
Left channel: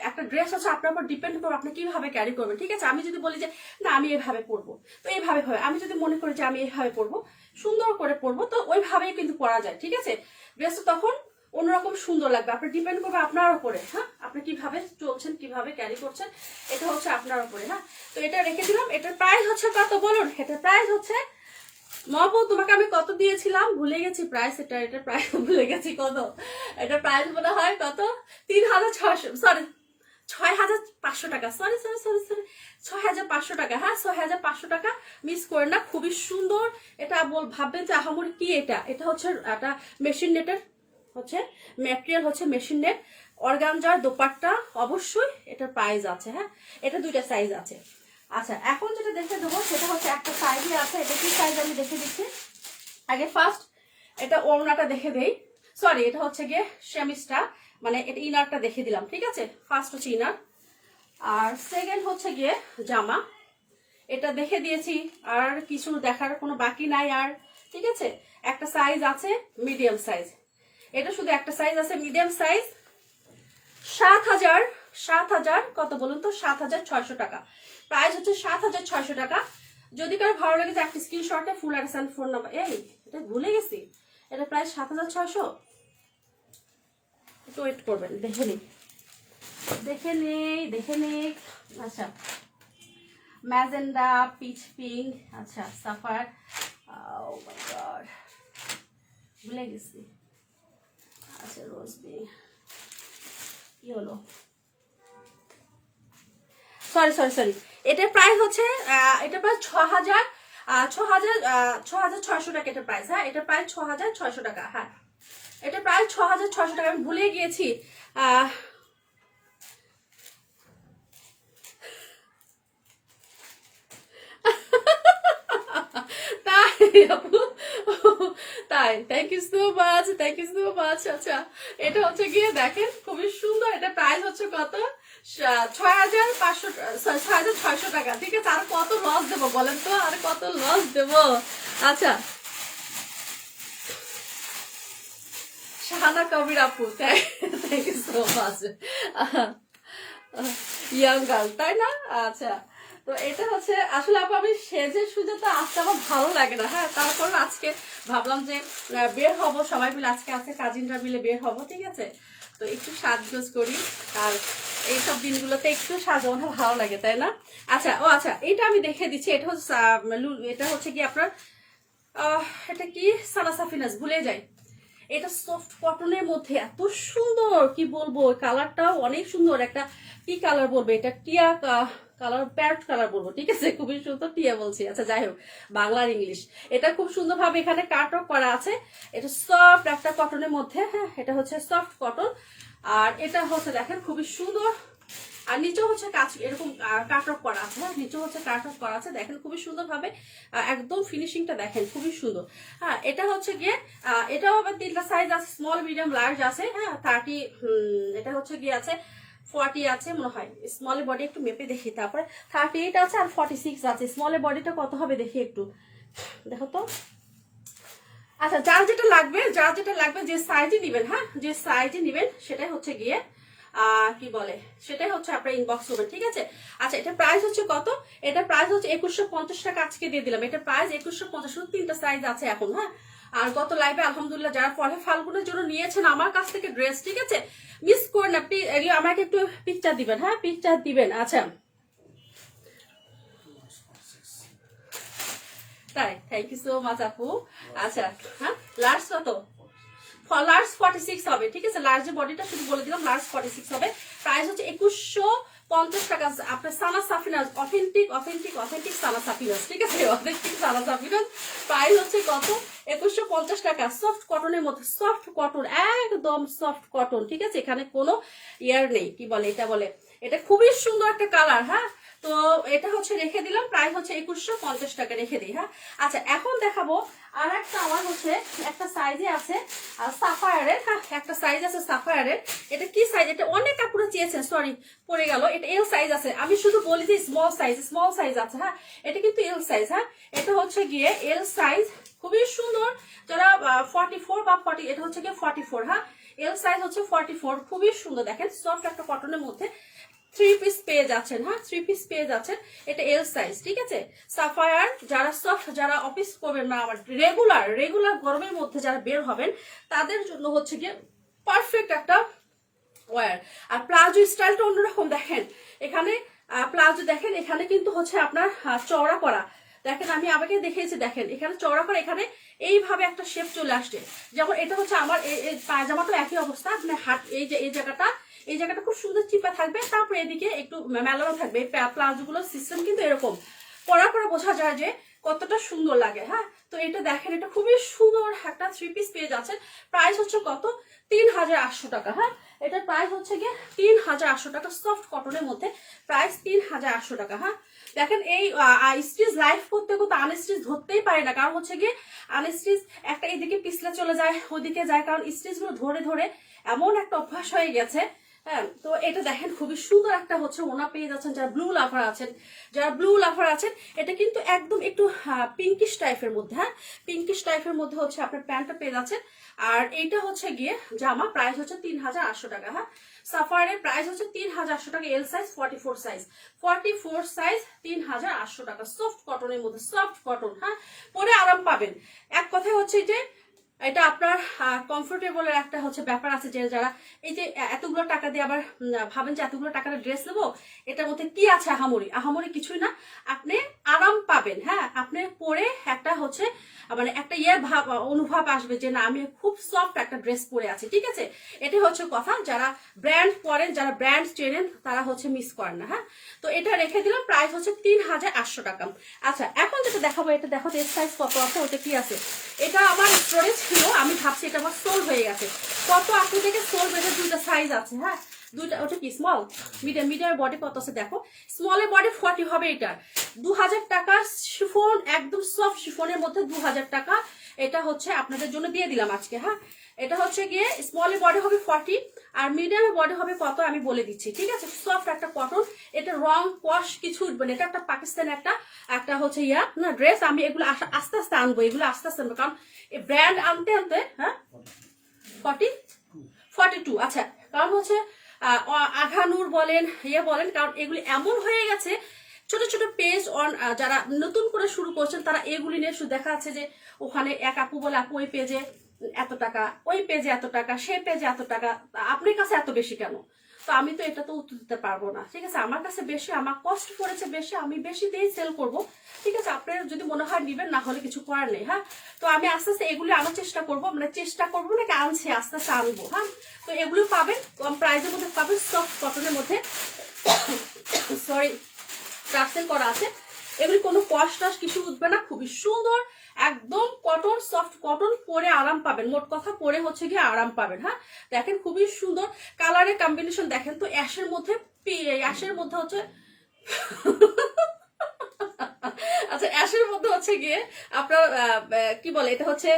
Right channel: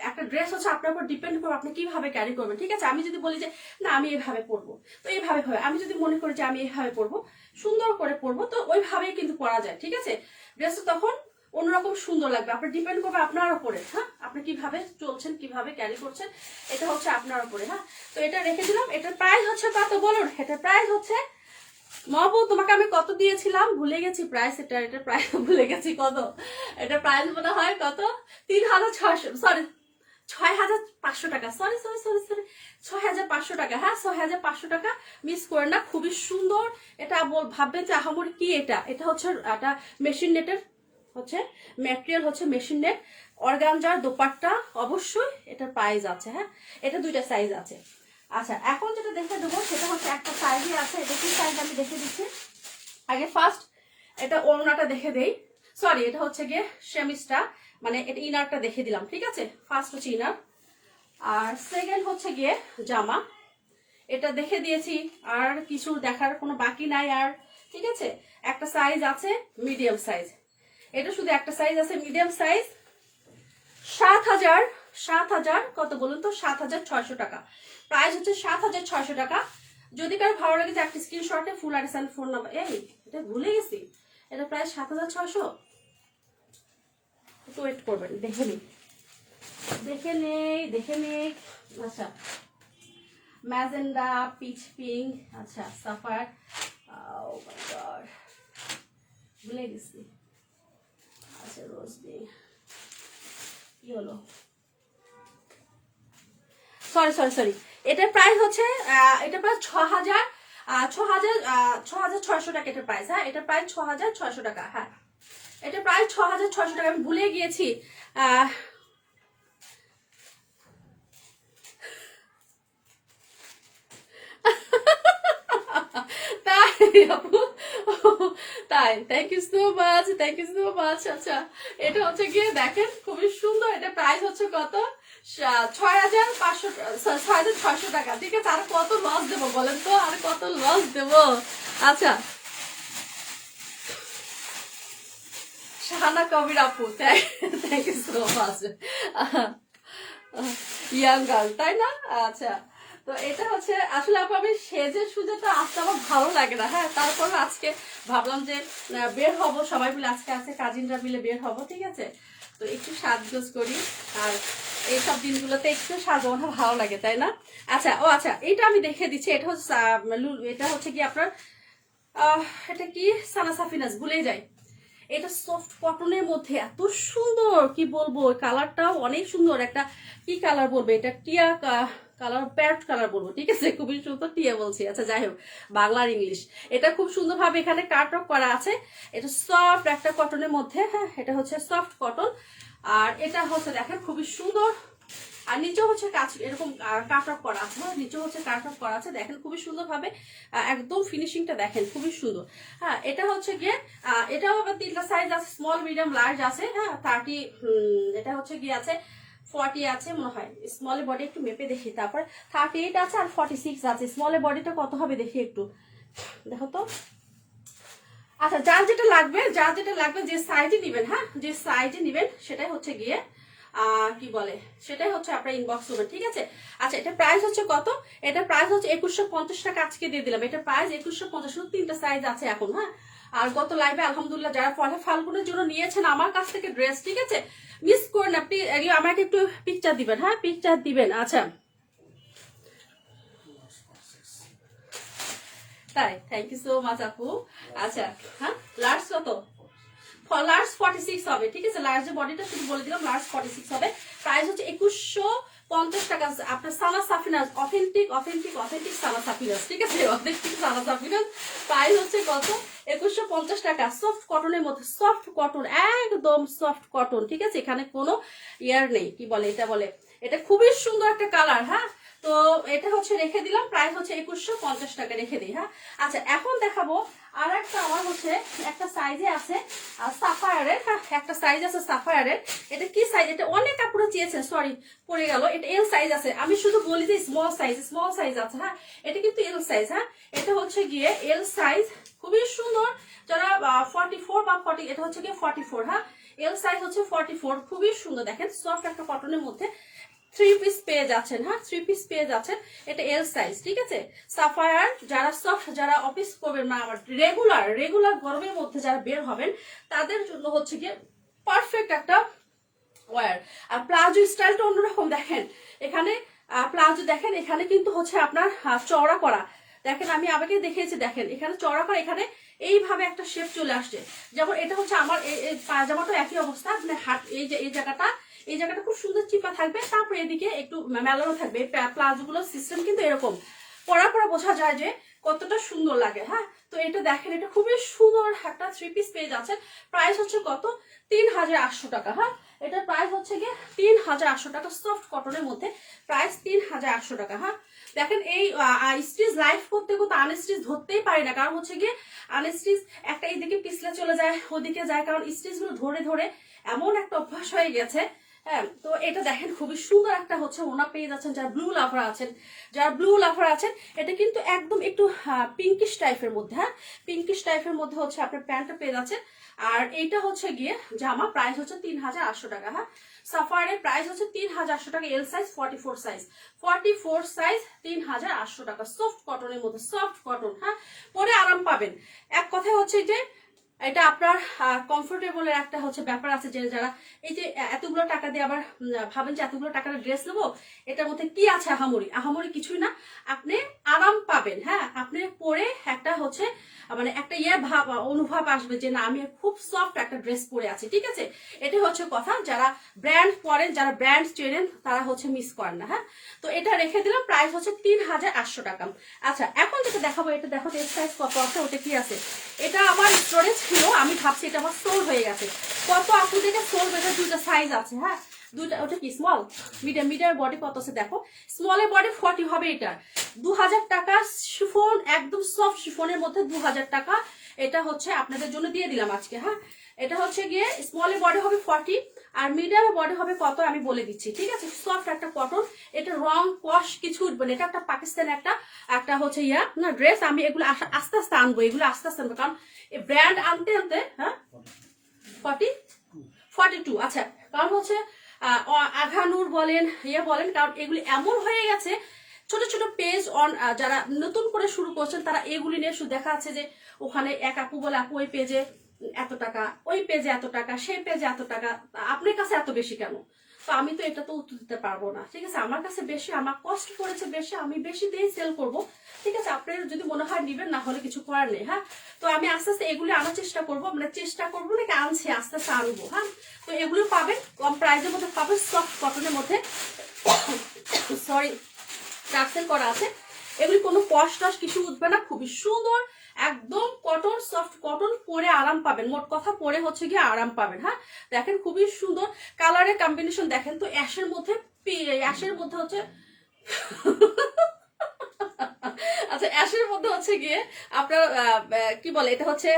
একটা ড্রেস হচ্ছে আপনার উপর ডিপেন্ড করবে আপনি কিভাবে ক্যারি করবেন। ঠিক আছে, আমি যদি বলি যে না আমি এভাবে পরবো, তো এইভাবে হবে। আমি যদি মনে করি যে আমি এইভাবে পরবো, সুন্দর করে পরবো, তো ওইভাবেই কিন্তু পরা যায়। ঠিক আছে, ড্রেসটা তখন অন্যরকম সুন্দর লাগবে। আপনার ডিপেন্ড করবে আপনার উপরে। হ্যাঁ, আপনি কিভাবে চলছেন, কিভাবে ক্যারি করছেন, এটা হচ্ছে আপনার উপরে। হ্যাঁ, তো এটা রেখে দিলাম। এটার প্রাইস হচ্ছে কত বলুন? এটার প্রাইস হচ্ছে, মবু তোমাকে আমি কত দিয়েছিলাম ভুলে গেছি প্রাইস। এটার প্রাইস ভুলে গেছি কত। এটার প্রাইস মনে হয় কত 3600, সরি 6500 টাকা। সরি সরি সরি সরি 6500 টাকা। হ্যাঁ, 6500 টাকা, মিস করে না। খুবই সুন্দর। এটা ভাববেন যে আহামরি কি এটা। এটা হচ্ছে একটা মেশিন নেটের হচ্ছে ম্যাটেরিয়াল, হচ্ছে মেশিন নেট, অর্গানজার দোপাট্টা। অবশ্যই এটার প্রাইস আছে। হ্যাঁ, এটা দুইটা সাইজ আছে। আচ্ছা, এখন যেটা দেখে দেবো সেটা হচ্ছে একটা সাইজে আছে। এটা কি সাইজ আমি দেখে দিচ্ছি। আগে ফার্স্ট এটা ওড়নাটা দেখে দেই, সরি এটা হচ্ছে গিয়ে সেমিসটা, মানে এটা ইনারটা দেখে দিলাম। ঠিক আছে, ফার্স্ট হচ্ছে ইনার, আর সেকেন্ড হচ্ছে গিয়ে জামা। এটা দেখে দিয়েছি, আর কিছু দেখার কোনো বাকি নাই আর। ঠিক আছে, একটা সাইজ আছে মিডিয়াম সাইজ, এটা শুধু একটা সাইজ আছে মিডিয়াম সাইজ। 7000 কত বলুন তো, 7600 টাকা। প্রাইস হচ্ছে 7600 টাকা। যদি কারো ভালো লাগে যে একটা স্ক্রিনশটে full address and phone number, এই এটা ভুলে গেছি, এটা প্রাইস 7600। একটু ওয়েট করবেন, দেখে নেই দেখে নেই দেখে নেই। আচ্ছা, ম্যাজেন্ডা, পিচ পিঙ্ক, আচ্ছা সাফার, ভুলে গেছি। আচ্ছা, রোজ পিঙ্ক, কি হলো, সরি সরি সরি, এটার প্রাইস হচ্ছে এটা প্রায় 6600 টাকা এটার প্রাইস। হ্যাঁ, এটা প্রায় 6600 টাকা। হ্যাঁ, এটা প্রায় 6600 টাকা। আমি ভুলে গিয়েছি। তাই, thank you so much, thank you so much. আচ্ছা, এটা হচ্ছে গিয়ে দেখেন খুবই সুন্দর। এটা প্রাইস হচ্ছে কত 6500, 6600 টাকা। ঠিক আছে, আর কত লস দেবো বলেন তো, আর কত লস দেবো। আচ্ছা, শাহানা কবির আপু, thank you so much. Young girl, তাই না? আচ্ছা, তো এটা হচ্ছে আসলে আপু আমি সেজে সুজে তো আসতে আমার ভালো লাগে না। হ্যাঁ, তারপর আজকে ভাবলাম যে বের হব সবাই মিলে, আজকে কাজিনরা মিলে বের হব। ঠিক আছে, তো একটু সাজগোজ করি, আর এইসব দিনগুলোতে একটু সাজানো ভালো লাগে, তাই না? আচ্ছা, ও আচ্ছা, এটা আমি দেখে দিচ্ছি। এটা হচ্ছে কি আপনার এটা কি সানা সাফিনাস, ভুলে যাই। এটা সফট কটনের মধ্যে এত সুন্দর, কি বলবো, কালারটাও অনেক সুন্দর। একটা কি কালার বলবো, এটা টিয়া কালার, প্যারট কালার বলবো, ঠিক আছে? খুবই সুন্দর, টিয়া বলছি, আচ্ছা যাই হোক, বাংলার ইংলিশ। এটা খুব সুন্দরভাবে এখানে কাট অফ করা আছে। এটা সফট একটা কটনের মধ্যে, হ্যাঁ, এটা হচ্ছে সফট কটন। আর এটা হচ্ছে দেখেন খুবই সুন্দর, আর নিচে হচ্ছে কাজ এরকম কাট অফ করা আছে, হ্যাঁ, নিচে হচ্ছে কাট অফ করা আছে, দেখেন খুবই সুন্দরভাবে, একদম ফিনিশিংটা দেখেন খুবই সুন্দর। হ্যাঁ, এটা হচ্ছে গিয়ে এটাও আবার 3টা সাইজ আছে, স্মল, মিডিয়াম, লার্জ আছে, হ্যাঁ, 30, এটা হচ্ছে গিয়ে আছে 40 আছে মনে হয়। স্মলের বডি একটু মেপে দেখি, তারপর 38 আছে আর 46 আছে। স্মলের বডিটা কত হবে দেখি একটু, দেখো তো। আচ্ছা, যার যেটা লাগবে যে সাইজে নিবেন, হ্যাঁ, যে সাইজে নিবেন সেটাই হচ্ছে গিয়ে কি বলে, সেটাই হচ্ছে আপনার ইনবক্স করবেন, ঠিক আছে? আচ্ছা, এটা প্রাইস হচ্ছে কত? এটা প্রাইস হচ্ছে 2150 টাকা, আজকে দিয়ে দিলাম। এটা প্রাইস 2150, শুধু 3টা সাইজ আছে এখন, হ্যাঁ। আর গত লাইভে আলহামদুলিল্লাহ যারা পরে ফাল্গুনের জন্য নিয়েছেন আমার কাছ থেকে ড্রেস, ঠিক আছে, মিস করেন আপনি, এগুলো আমাকে একটু পিকচার দিবেন, হ্যাঁ, পিকচার দিবেন। আচ্ছা, তাই, থ্যাংক ইউ সো মাচ আপু। আচ্ছা, হ্যাঁ, লার্জ কত? লার্জ 46 হবে, ঠিক আছে? লার্জের বডিটা শুধু বলে দিলাম, লার্জ 46 হবে। প্রাইস হচ্ছে 2150 টাকা। আপনার সানা সাফিনাস, অথেন্টিক সানা সাফিনাস, ঠিক আছে? অথেন্টিক সানা সাফিনাস প্রাইস হচ্ছে কত? 2150 টাকা। সফট কটনের মধ্যে, সফট কটন, একদম সফট কটন, ঠিক আছে? এখানে কোনো ইয়ার নেই, কি বলে এটা, বলে এটা খুবই সুন্দর একটা কালার, হ্যাঁ। তো এটা হচ্ছে রেখে দিলাম, প্রাইস হচ্ছে 2150 টাকা, রেখে দিই, হ্যাঁ। আচ্ছা, এখন দেখাবো আর একটা, আমার হচ্ছে একটা সাইজে আছে সাফায়ারের, হ্যাঁ, একটা সাইজ আছে সাফায়ারের। এটা কি সাইজ? এটা অনেক কাপড়ে চেয়েছেন, সরি পড়ে গেল। এটা এল সাইজ আছে, আমি শুধু বলি যে স্মল সাইজ আছে, হ্যাঁ। এটা কিন্তু এল সাইজ, হ্যাঁ। এটা হচ্ছে গিয়ে এল সাইজ, খুবই সুন্দর। যারা 44 বা 40, এটা হচ্ছে গিয়ে 44, হ্যাঁ। এল সাইজ হচ্ছে 44, খুবই সুন্দর, দেখেন সফট একটা কটনের মধ্যে 3 পিস পেয়ে যাচ্ছেন, হ্যাঁ, 3 পিস পেয়ে যাচ্ছেন। এটা এল সাইজ, ঠিক আছে? সাফায়ার, যারা সফট, যারা অফিস করবেন না, আবার রেগুলার গরমের মধ্যে যারা বের হবেন, তাদের জন্য হচ্ছে গিয়ে পারফেক্ট একটা ওয়ার। আর প্লাজো স্টাইলটা অন্যরকম, দেখেন এখানে প্লাজো, দেখেন এখানে কিন্তু হচ্ছে আপনার চওড়া করা, দেখেন আমি আমাকে দেখিয়েছি, দেখেন এখানে চওড়া করা, এখানে এইভাবে একটা শেপ চলে আসছে। যেমন এটা হচ্ছে আমার এই পায়জামাটা একই অবস্থা, মানে হাত, এই জায়গাটা খুব সুন্দর চিপা থাকবে, তারপরে এদিকে একটু মেলানো থাকবে। প্লাজো গুলোর সিস্টেম কিন্তু এরকম, পরার পরে বোঝা যায় যে কতটা সুন্দর লাগে, হ্যাঁ। তো এটা দেখেন, এটা খুবই সুন্দর একটা 3 পিস পেয়ে যাচ্ছে। প্রাইস হচ্ছে কত? 3800 টাকা, হ্যাঁ। এটার প্রাইস হচ্ছে গিয়ে 3800 টাকা, সফট কটনের মধ্যে, প্রাইস 3800 টাকা, হ্যাঁ। দেখেন এই স্টিচ লাইফ করতে আনস্টিচ ধরতেই পারে না, কারণ হচ্ছে গিয়ে আনস্টিচ একটা এদিকে পিছলে চলে যায়, ওদিকে যায়, কারণ স্টিচ গুলো ধরে ধরে এমন একটা অভ্যাস হয়ে গেছে, হ্যাঁ। তো এটা দেখেন খুবই সুন্দর একটা হচ্ছে ওনা পেয়ে যাচ্ছেন, যারা ব্লু লাভার আছেন, এটা কিন্তু একদম একটু পিঙ্কিশ টাইপের মধ্যে, হ্যাঁ, পিঙ্কিশ টাইপের মধ্যে হচ্ছে আপনার প্যান্টটা পেয়ে যাচ্ছেন। আর এইটা হচ্ছে গিয়ে জামা, প্রাইস হচ্ছে 3800 টাকা, হ্যাঁ। সাফারের প্রাইস হচ্ছে 3800 টাকা, এল সাইজ 44 সাইজ, 3800 টাকা, সফট কটনের মধ্যে, সফট কটন, হ্যাঁ, পরে আরাম পাবেন। এক কথায় হচ্ছে যে এটা আপনার কমফোর্টেবলের একটা হচ্ছে ব্যাপার আছে, যে যারা এই যে এতগুলো টাকা দিয়ে আবার ভাবেন যে এতগুলো টাকার ড্রেস নেবো, এটার মধ্যে কি আছে আহামরি কিছুই না, আপনি আরাম পাবেন, হ্যাঁ। আপনি পরে একটা হচ্ছে মানে একটা অনুভব আসবে যে না, আমি খুব সফট একটা ড্রেস পরে আছি, ঠিক আছে? এটা হচ্ছে কথা, যারা ব্র্যান্ড পরেন, যারা ব্র্যান্ড চেনেন, তারা হচ্ছে মিস করেন না, হ্যাঁ। তো এটা রেখে দিলাম, প্রাইস হচ্ছে 3800 টাকা। আচ্ছা, এখন যেটা দেখাবো, এটা দেখো এর সাইজ কত আছে, ওটা কি আছে। এটা আমার স্টোরেজ ছিল, আমি ভাবছি এটা আমার সোল হয়ে গেছে। কত আপনি থেকে সোল বেটার 2টা সাইজ আছে, হ্যাঁ, 2টা। ওটা কি স্মল, মিডিয়াম বডি কত আছে দেখো, স্মলের বডি 40 হবে। এটা 2000 টাকা, শিফন, একদম সফট শিফনের মধ্যে 2000 টাকা। এটা হচ্ছে আপনাদের জন্য দিয়ে দিলাম আজকে, হ্যাঁ। এটা হচ্ছে গিয়ে স্মলের বডি হবে 40, আর মিডিয়ামের বডি হবে কত আমি বলে দিচ্ছি, ঠিক আছে? সফট একটা কটন, এটা রং কস কিছু উঠবে না। এটা একটা পাকিস্তান একটা হচ্ছে না ড্রেস। আমি এগুলো আস্তে আস্তে আনবো, কারণ ব্র্যান্ড আনতে হ্যাঁ 42, আচ্ছা, কারণ হচ্ছে আঘানুর বলেন, বলেন, কারণ এগুলি এমন হয়ে গেছে, ছোট ছোট পেজ অন, যারা নতুন করে শুরু করছেন, তারা এগুলি নিয়ে শুধু দেখা যাচ্ছে যে ওখানে এক আপু বলে, আপু ওই পেজে এত টাকা, ওই পেজে এত টাকা, সেই পেজে এত টাকা, আপনার কাছে এত বেশি কেন? তো আমি তো এটা তো উত্তর দিতে পারবো না, ঠিক আছে? আমার কাছে বেশি, আমার কষ্ট পড়েছে বেশি, আমি বেশি দিয়েই সেল করবো, ঠিক আছে? আপনার যদি মনে হয় নিবেন, না হলে কিছু করার নেই। হ্যাঁ, তো আমি আস্তে আস্তে এগুলি আনার চেষ্টা করবো, মানে চেষ্টা করবো নাকি আনছি, আস্তে আস্তে আনবো। হ্যাঁ, তো এগুলো পাবেন কম প্রাইসের মধ্যে, পাবেন সফট কটনের মধ্যে, সরি টার্সেল করা আছে। এগুলি কোনো কষ্ট টস কিছু উঠবে না, খুবই সুন্দর, একদম কটন, সফট কটন, পরে আরাম পাবেন। মোট কথা পরে হচ্ছে গিয়ে আরাম পাবেন। হ্যাঁ, দেখেন খুবই সুন্দর কালারের কম্বিনেশন, দেখেন তো অ্যাশের মধ্যে, অ্যাশের মধ্যে হচ্ছে আচ্ছা, অ্যাশের মধ্যে হচ্ছে গিয়ে আপনার কি বলে, এটা হচ্ছে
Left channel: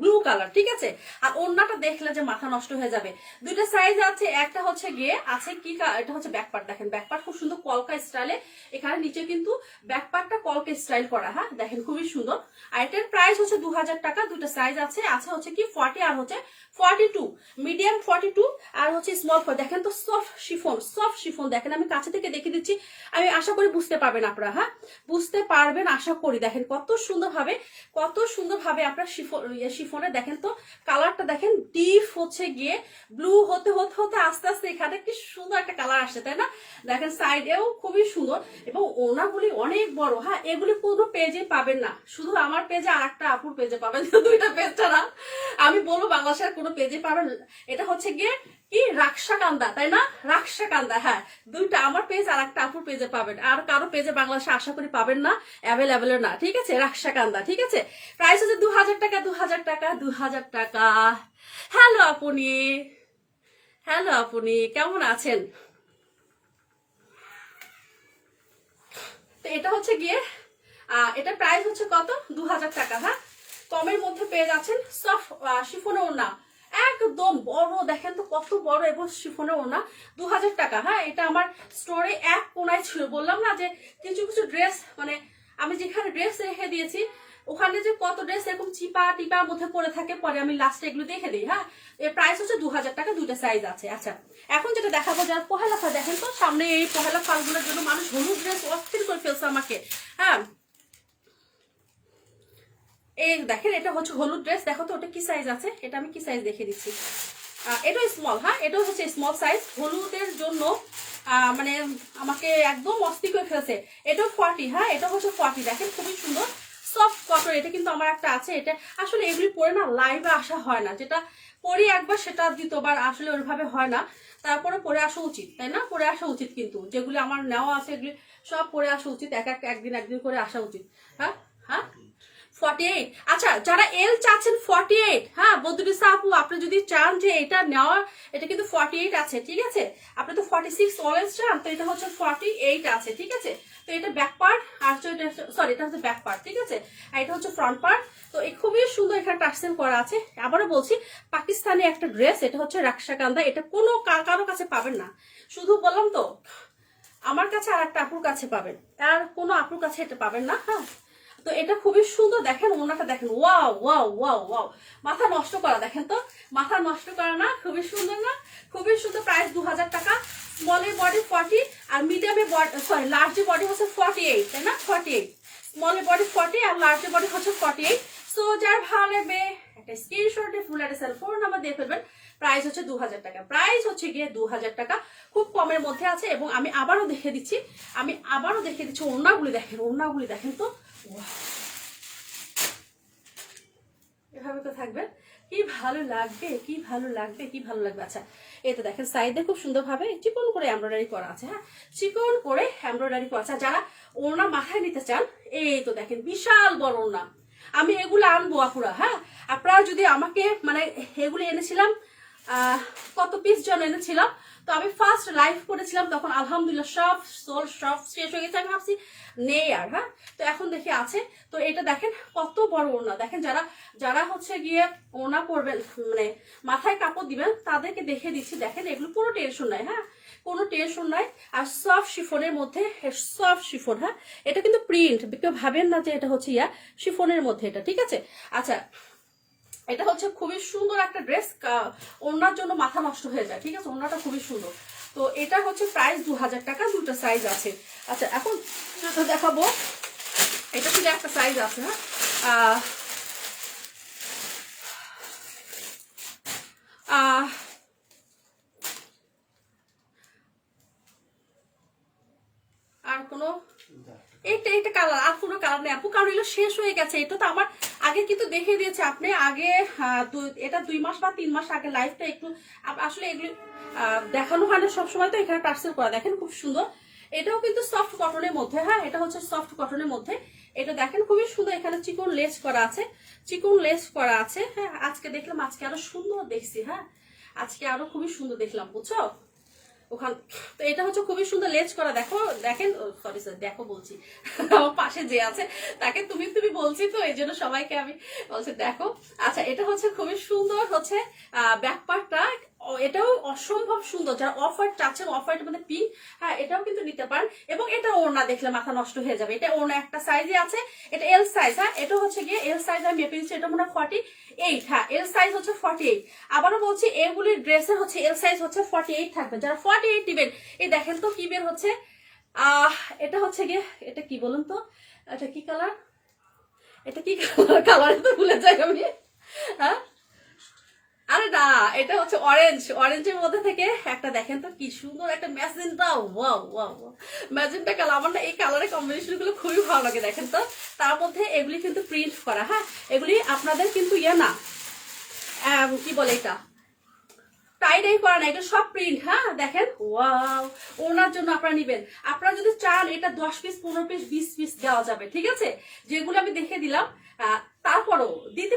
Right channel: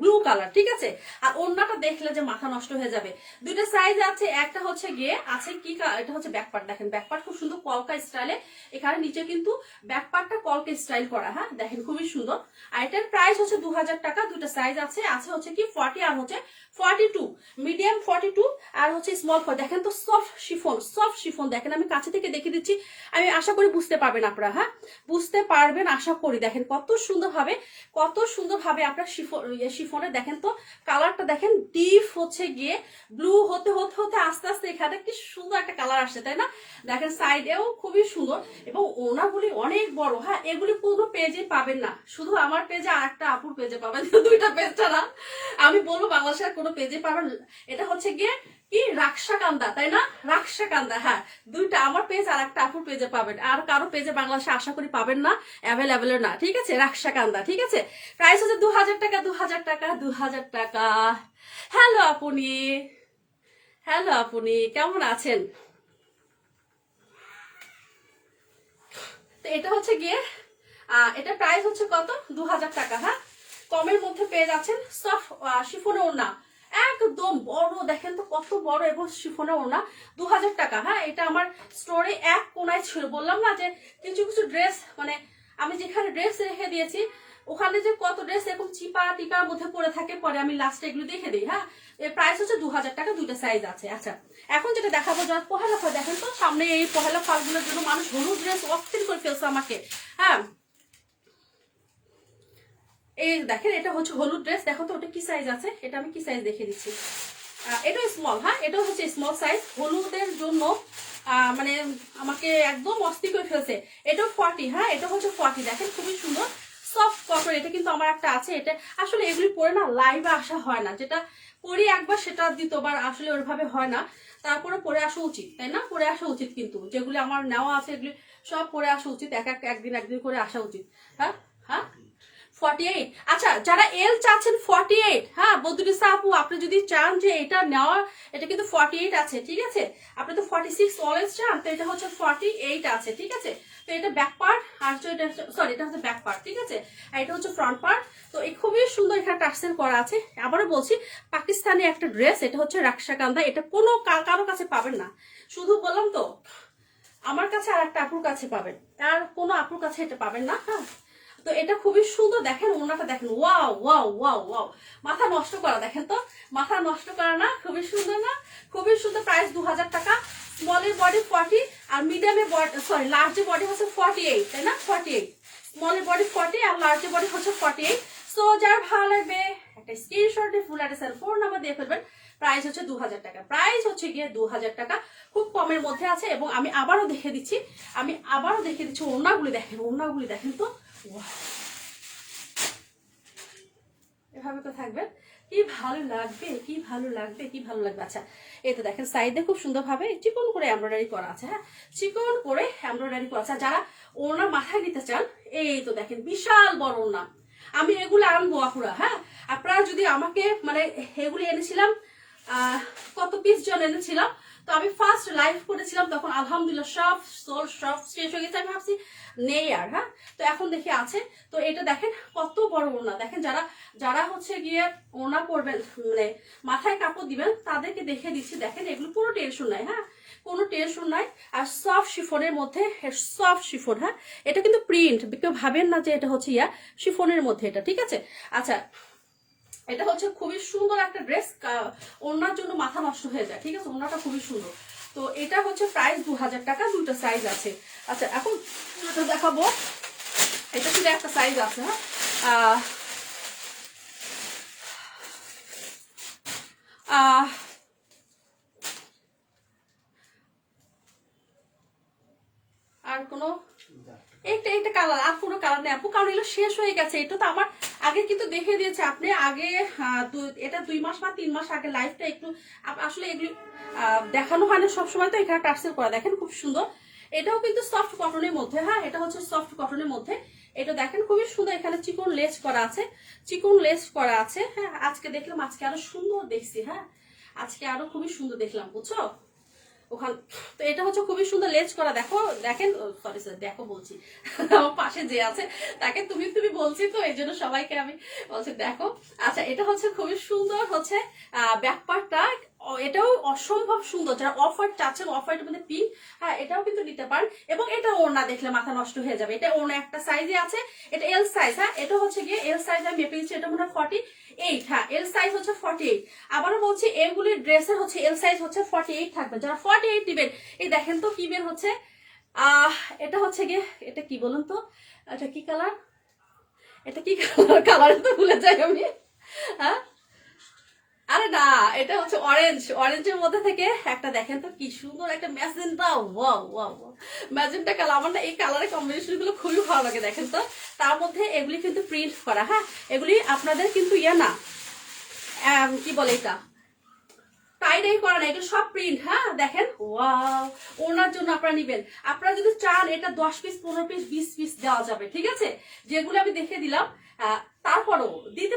ব্লু কালার, ঠিক আছে? আর ওড়নাটা দেখলে যে মাথা নষ্ট হয়ে যাবে। দুইটা সাইজ আছে, একটা হচ্ছে গিয়ে আছে কি, এটা হচ্ছে ব্যাকপার্ট, দেখেন ব্যাকপার্ট খুব সুন্দর কলকা স্টাইলে, এখানে নিচে কিন্তু ব্যাকপার্টটা কলকা স্টাইল করা। হ্যাঁ, দেখেন খুবই সুন্দর। আর এটার প্রাইস হচ্ছে 2000 টাকা। দুইটা সাইজ আছে, আছে হচ্ছে কি 40 আর হচ্ছে 42, মিডিয়াম 42 আর হচ্ছে স্মল 40। দেখেন তো সফট শিফন, সফট শিফন, দেখেন আমি কাছে থেকে দেখে দিচ্ছি, আমি আশা করি বুঝতে পারবেন আপনারা। হ্যাঁ, বুঝতে পারবেন আশা করি। দেখেন কত সুন্দরভাবে, কত সুন্দরভাবে আপনার শিফনে, দেখেন তো কালারটা দেখেন, ডিপ হচ্ছে গিয়ে ব্লু হতে হতে হতে আস্তে আস্তে এখানে কি সুন্দর একটা কালার আসছে, তাই না? দেখেন সাইডেও খুবই সুন্দর, এবং ওনাগুলি অনেক বড়। হ্যাঁ, এগুলি কোনো পেজে পাবেন না, শুধু আমার পেজে আর একটা আপুর পেজে পাবেন, দুইটা পেজ ছাড়া আমি বলবো বাংলাদেশের কোনো পেজে পাবেন। এটা হচ্ছে গিয়ে কি রাকসাকান্দা, তাই না? রাকসাকান্দা, হ্যাঁ, দুইটা আমার পেজ আর একটা আপুর পেজে পাবেন, আর কারো পেজে বাংলাদেশে আশা করি পাবেন না, অ্যাভেলেবেল না, ঠিক আছে? রাকসাকান্দা, ঠিক আছে? প্রাইস হচ্ছে 2000 টাকা, 2000 টাকা, 2000 টাকা। হ্যালো আপনি, হ্যালো আপনি কেমন আছেন? তো এটা হচ্ছে গিয়ে এটা প্রাইস হচ্ছে কত? 2000 টাকা। হ্যাঁ, কমের মধ্যে পেয়ে যাচ্ছেন, সফট শিফনের ওড়না, একদম বড়, দেখেন তো কত বড়, এবং শিফনের ওড়না, 2000 টাকা। হ্যাঁ, এটা আমার স্টোরে এক কোনায় ছিল, বললাম না যে কিছু কিছু ড্রেস, মানে আমি যেখানে ড্রেস রেখে দিয়েছি ওখানে যে কত ড্রেস এরকম চিপা টিপার মধ্যে পড়ে থাকে, পরে আমি লাস্টে এগুলো দেখে দিই। হ্যাঁ, এর প্রাইস হচ্ছে 2000 টাকা, দুইটা সাইজ আছে। আচ্ছা, এখন যেটা দেখাবো, যার পহেলা ফাল, দেখেন তো সামনে এই পহেলা ফালগুলোর জন্য মানুষ হলুদ ড্রেস অস্থির করে ফেলছে আমাকে। হ্যাঁ, এই দেখেন এটা হচ্ছে হলুদ ড্রেস, দেখো তো ওটা কি সাইজ আছে, এটা আমি কি সাইজ দেখে দিচ্ছি। এটাও স্মল। হ্যাঁ, এটাও হচ্ছে স্মল সাইজ, হলুদের জন্য মানে আমাকে একদম অস্থির করে ফেলছে। এটাও 40। হ্যাঁ, এটা হচ্ছে 40, দেখেন খুবই সুন্দর সফট কটন। এটা কিন্তু আমার একটা আছে, এটা আসলে এগুলি পরে না লাইভে আসা হয় না, যেটা পরি একবার সেটা দ্বিতীয়বার আসলে ওইভাবে হয় না, তারপরে পরে আসা উচিত, তাই না? পরে আসা উচিত, কিন্তু যেগুলি আমার নেওয়া আছে এগুলি সব পরে আসা উচিত, একদিন একদিন করে আসা উচিত। হ্যাঁ, হ্যাঁ, 48। আচ্ছা, যারা এল চাচ্ছেন 48, হ্যাঁ বদরুসা আপু, আপনি যদি চান যে এটা নেওয়া, এটা কিন্তু 48 আছে, ঠিক আছে? আপনি তো 46 অলওয়েজ চান, তো এটা হচ্ছে 48 আছে, ঠিক আছে? তো এটা ব্যাক পার্ট, আর এটা সরি, এটা হচ্ছে ব্যাক পার্ট, ঠিক আছে? আর এটা হচ্ছে ফ্রন্ট পার্ট। তো এই খুবই সুন্দর এখানে টার্সেল করা আছে। আবারও বলছি, পাকিস্তানি একটা ড্রেস, এটা হচ্ছে রাকসাকান্দা, এটা কোনো কারো কাছে পাবেন না, শুধু বললাম তো আমার কাছে আর একটা আপুর কাছে পাবেন, আর কোনো আপুর কাছে এটা পাবেন না। হ্যাঁ, তো এটা খুবই সুন্দর, দেখেন ওনাটা দেখেন, ওয়াও ওয়াও ওয়াও ওয়াও, মাথা নষ্ট করা, দেখেন তো মাথা নষ্ট করা না? খুবই সুন্দর না? খুবই সুন্দর। প্রাইস 2000 টাকা। স্মলের বডি 40 আর মিডিয়ামের বডি, সরি লার্জের বডি হচ্ছে 48, তাই না? 48, স্মলের বডি 40 আর লার্জের বডি হচ্ছে 48। সো যার ভালো লাগবে একটা স্ক্রিনশটে ফুল অ্যাড্রেস আর ফোন নাম্বার দিয়ে ফেলবেন। প্রাইস হচ্ছে 2000 টাকা, প্রাইস হচ্ছে গিয়ে 2000 টাকা, খুব কমের মধ্যে আছে। এবং আমি আবারও দেখে দিচ্ছি, ওড়নাগুলি দেখেন, ওড়নাগুলি দেখেন তো, এভাবে তো থাকবে, কি ভালো লাগবে, কি ভালো লাগবে, কি ভালো লাগবে। আচ্ছা, এই তো দেখেন সাইডে খুব সুন্দরভাবে চিকন করে এমব্রয়ডারি করা আছে। হ্যাঁ, চিকন করে এমব্রয়ডারি করা আছে। যারা ওড়না মাথায় নিতে চান, এই তো দেখেন বিশাল বড় ওড়না, আমি এগুলো আনবো আপুরা। হ্যাঁ, আপনারা যদি আমাকে, মানে এগুলি এনেছিলাম কত পিস জন এনেছিলাম, তো আমি ফার্স্ট লাইভ করেছিলাম তখন আলহামদুলিল্লাহ সব সোল সব শেষ হয়ে গেছে, আমি ভাবছি নেই আর। হ্যাঁ, তো এখন দেখি আছে। তো এটা দেখেন কত বড় ওড়না, দেখেন যারা যারা হচ্ছে গিয়ে ওড়না পরবেন, মানে মাথায় কাপড় দিবেন, তাদেরকে দেখে দিচ্ছি। দেখেন এগুলো কোনো টেনশন নাই। হ্যাঁ, কোনো টেনশন নাই। আর সফট শিফনের মধ্যে, সফট শিফন। হ্যাঁ, এটা কিন্তু প্রিন্ট, কেউ ভাবেন না যে এটা হচ্ছে শিফনের মধ্যে এটা, ঠিক আছে? আচ্ছা, এটা হচ্ছে খুবই সুন্দর একটা ড্রেস, ওড়নার জন্য মাথা নষ্ট হয়ে যায়, ঠিক আছে? ওড়নাটা খুবই সুন্দর। তো এটা হচ্ছে প্রাইস 2000 টাকা, দুটো সাইজ আছে। আচ্ছা, এখন দেখাবো, এটা শুধু একটা সাইজ আছে। হ্যাঁ, আহ আর কোনো এইটা কালার, আর কোনো কালার নেই আপু, কারণ এগুলো শেষ হয়ে গেছে। এটা তো আমার আগে কিন্তু দেখিয়ে দিয়েছে আপনি আগে, এটা 2 মাস বা 3 মাস আগে লাইফটা একটু আসলে এগুলো দেখানো হয় না সবসময়, তো এখানে টার্সেল করা দেখেন খুব সুন্দর। এটাও কিন্তু সফট কটনের মধ্যে, হ্যাঁ এটা হচ্ছে সফট কটনের মধ্যে। এটা দেখেন খুবই সুন্দর, এখানে চিকন লেস করা আছে, চিকন লেস করা আছে। হ্যাঁ আজকে দেখলাম, আজকে আরো সুন্দর দেখছি, হ্যাঁ আজকে আরো খুবই সুন্দর দেখলাম, বুঝছো ওখানে। তো এটা হচ্ছে খুবই সুন্দর লেজ করা, দেখো দেখেন, সরি সরি দেখো বলছি, আমার পাশে যে আছে তাকে তুমি তুমি বলছি, তো এই জন্য সবাইকে আমি বলছি দেখো। আচ্ছা এটা হচ্ছে খুবই সুন্দর হচ্ছে ব্যাক পার্টটা, এটাও অসম্ভব সুন্দর। যারা অফ হোয়াইট চাচ্ছেন, অফ হোয়াইটের মধ্যে পিঙ্ক, হ্যাঁ এটাও কিন্তু নিতে পারেন। এবং এটা ওড়না দেখলে মাথা নষ্ট হয়ে যাবে, এটা ওড়না একটা সাইজে আছে, এটা এল সাইজ, হ্যাঁ এটা হচ্ছে গিয়ে এল সাইজ আমি মেপে দিচ্ছি, এটা মনে হয় 48, হ্যাঁ এল সাইজ হচ্ছে 48। আবারও বলছি এগুলির ড্রেসের হচ্ছে এল সাইজ হচ্ছে 48 থাকবে, যারা 48 দিবেন। এই দেখেন তো কি বের হচ্ছে, এটা হচ্ছে গিয়ে, এটা কি বলুন তো, এটা কি কালার, এটা কি কালার, কালার তো ভুলে যাই আমি, হ্যাঁ আরে না এটা হচ্ছে অরেঞ্জ, অরেঞ্জের মধ্যে থেকে একটা দেখেন তো কি সুন্দর একটা magenta, wow wow magenta colour. আমার না এই কালারের কম্বিনেশন গুলো খুবই ভালো লাগে। দেখেন তো তার মধ্যে এগুলি কিন্তু প্রিন্ট করা, হ্যাঁ এগুলি আপনাদের কিন্তু ইয়ে না, কি বলে এটা টাইডাই করা না, এটা সব প্রিন্ট, হ্যাঁ দেখেন ওয়াও। ওনার জন্য আপনারা নিবেন, আপনারা যদি চান এটা 10 পিস 15 পিস 20 পিস দেওয়া যাবে, ঠিক আছে, যেগুলো আমি দেখে দিলাম। তারপরও দিতে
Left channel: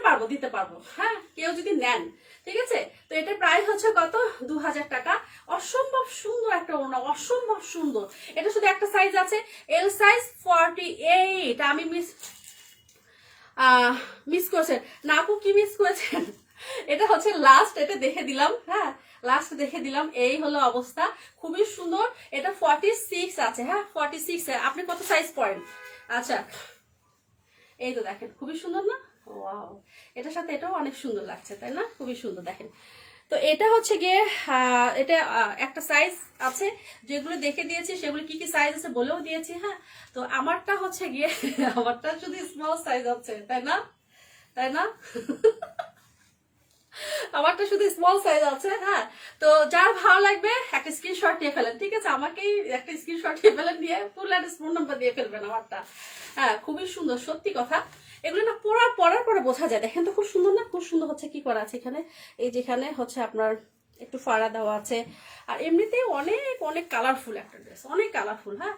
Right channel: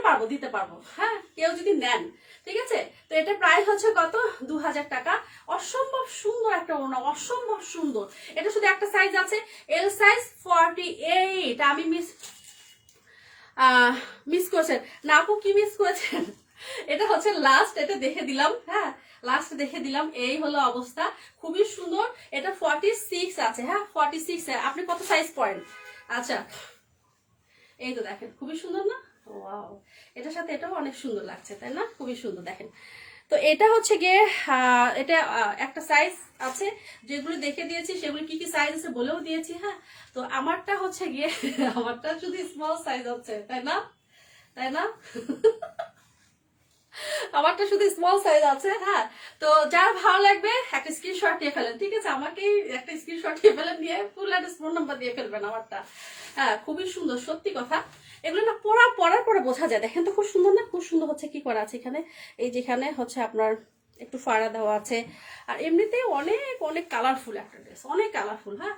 পারবো, হ্যাঁ কেউ যদি নেন, ঠিক আছে। তো এটা প্রাইস হচ্ছে কত, 2000 টাকা। অসম্ভব সুন্দর একটা ওড়না, অসম্ভব সুন্দর। এটা শুধু একটা সাইজ আছে, এল সাইজ 48। আমি মিস করেছেন না আপু, কি মিস করেছেন? এটা হচ্ছে লাস্ট, এটা দেখে দিলাম, হ্যাঁ লাস্ট দেখে দিলাম, এই হলো অবস্থা, খুবই সুন্দর। এটা 46 আছে, হ্যাঁ 46। আপনি কত সাইজ পড়েন? আচ্ছা এই তো দেখেন খুবই সুন্দর না, ওয়াও এটার সাথে এটাও অনেক সুন্দর লাগছে, তাই না, খুবই সুন্দর দেখেন। তো এটা হচ্ছে গিয়ে এটা একটা সাইজ আছে, যেগুলো দেখে দিয়েছি সেগুলো কি কি সাইজ আছে বলেও দিয়েছি, হ্যাঁ। তো আমারটা হচ্ছে গিয়ে আমারটা শুধু স্মল সাইজ হচ্ছে, তাই না, তাই না আমারটা শুধু স্মল সাইজ আছে, হ্যাঁ। তো যার ভালো লাগবে একটা স্ক্রিনশট নিয়ে ফেলেন, ঠিক আছে, আমাকেই একটা স্ক্রিনশট নিয়ে ফেলেন, নিয়ে ফুল অ্যাড্রেস ফোন নাম্বার দিয়ে ফেলবেন আমারটা। হ্যাঁ খুবই সুন্দর, সত্যি কথা। এগুলো না পরার পরে বোঝা যায়, দেখেন তো খুব সুন্দর না, খুব সুন্দর হচ্ছে কি করা আছে এখানে, এই যেখানে হচ্ছে আপনার একটু ফাড়া দেওয়া আছে। আর এমনিতেই অনেক অনেক কালারফুল একটা ড্রেস, অনেক কালারফুল, হ্যাঁ।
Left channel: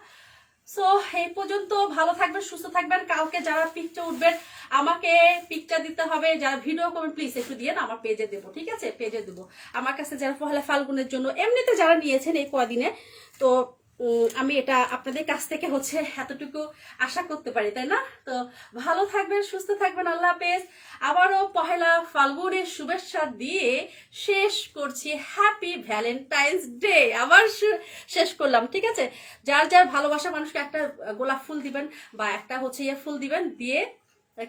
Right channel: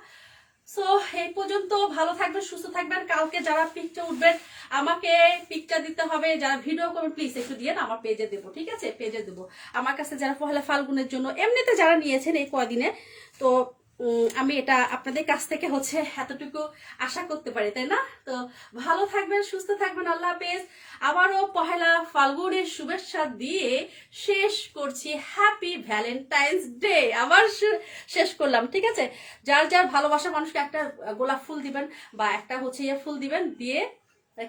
সো এই পর্যন্ত, ভালো থাকবেন, সুস্থ থাকবেন। কালকে যারা পিকচার উঠবেন আমাকে পিকচার দিতে হবে, যারা ভিডিও করবেন প্লিজ একটু দিয়ে না, আমার পেজে দেবো, ঠিক আছে, পেজে দেবো। আমার কাছে যারা পহেলা ফাল্গুনের জন্য এমনিতে যারা নিয়েছেন এই কদিনে, তো আমি এটা আপনাদের কাছ থেকে হচ্ছে এতটুকু আশা করতে পারি, তাই না। তো ভালো থাকবেন, সুস্থ থাকবেন, আল্লাহ হাফেজ। আবারও পহেলা ফাল্গুনের শুভেচ্ছা দিয়ে শেষ করছি, হ্যাপি ভ্যালেন্টাইন্স ডে আবার শেষ করলাম, ঠিক আছে। যার যার ভালোবাসার মানুষকে একটা গোলাপ ফুল দিবেন, বা একটা হচ্ছে ইয়ে ফুল দিবেন, দিয়ে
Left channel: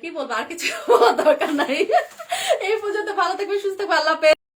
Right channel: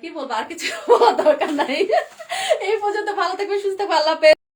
কি বলবো আর কিছু বলার দরকার নাই। এই পর্যন্ত ভালো থাকবেন, সুস্থ থাকবেন, আল্লাহ হাফেজ।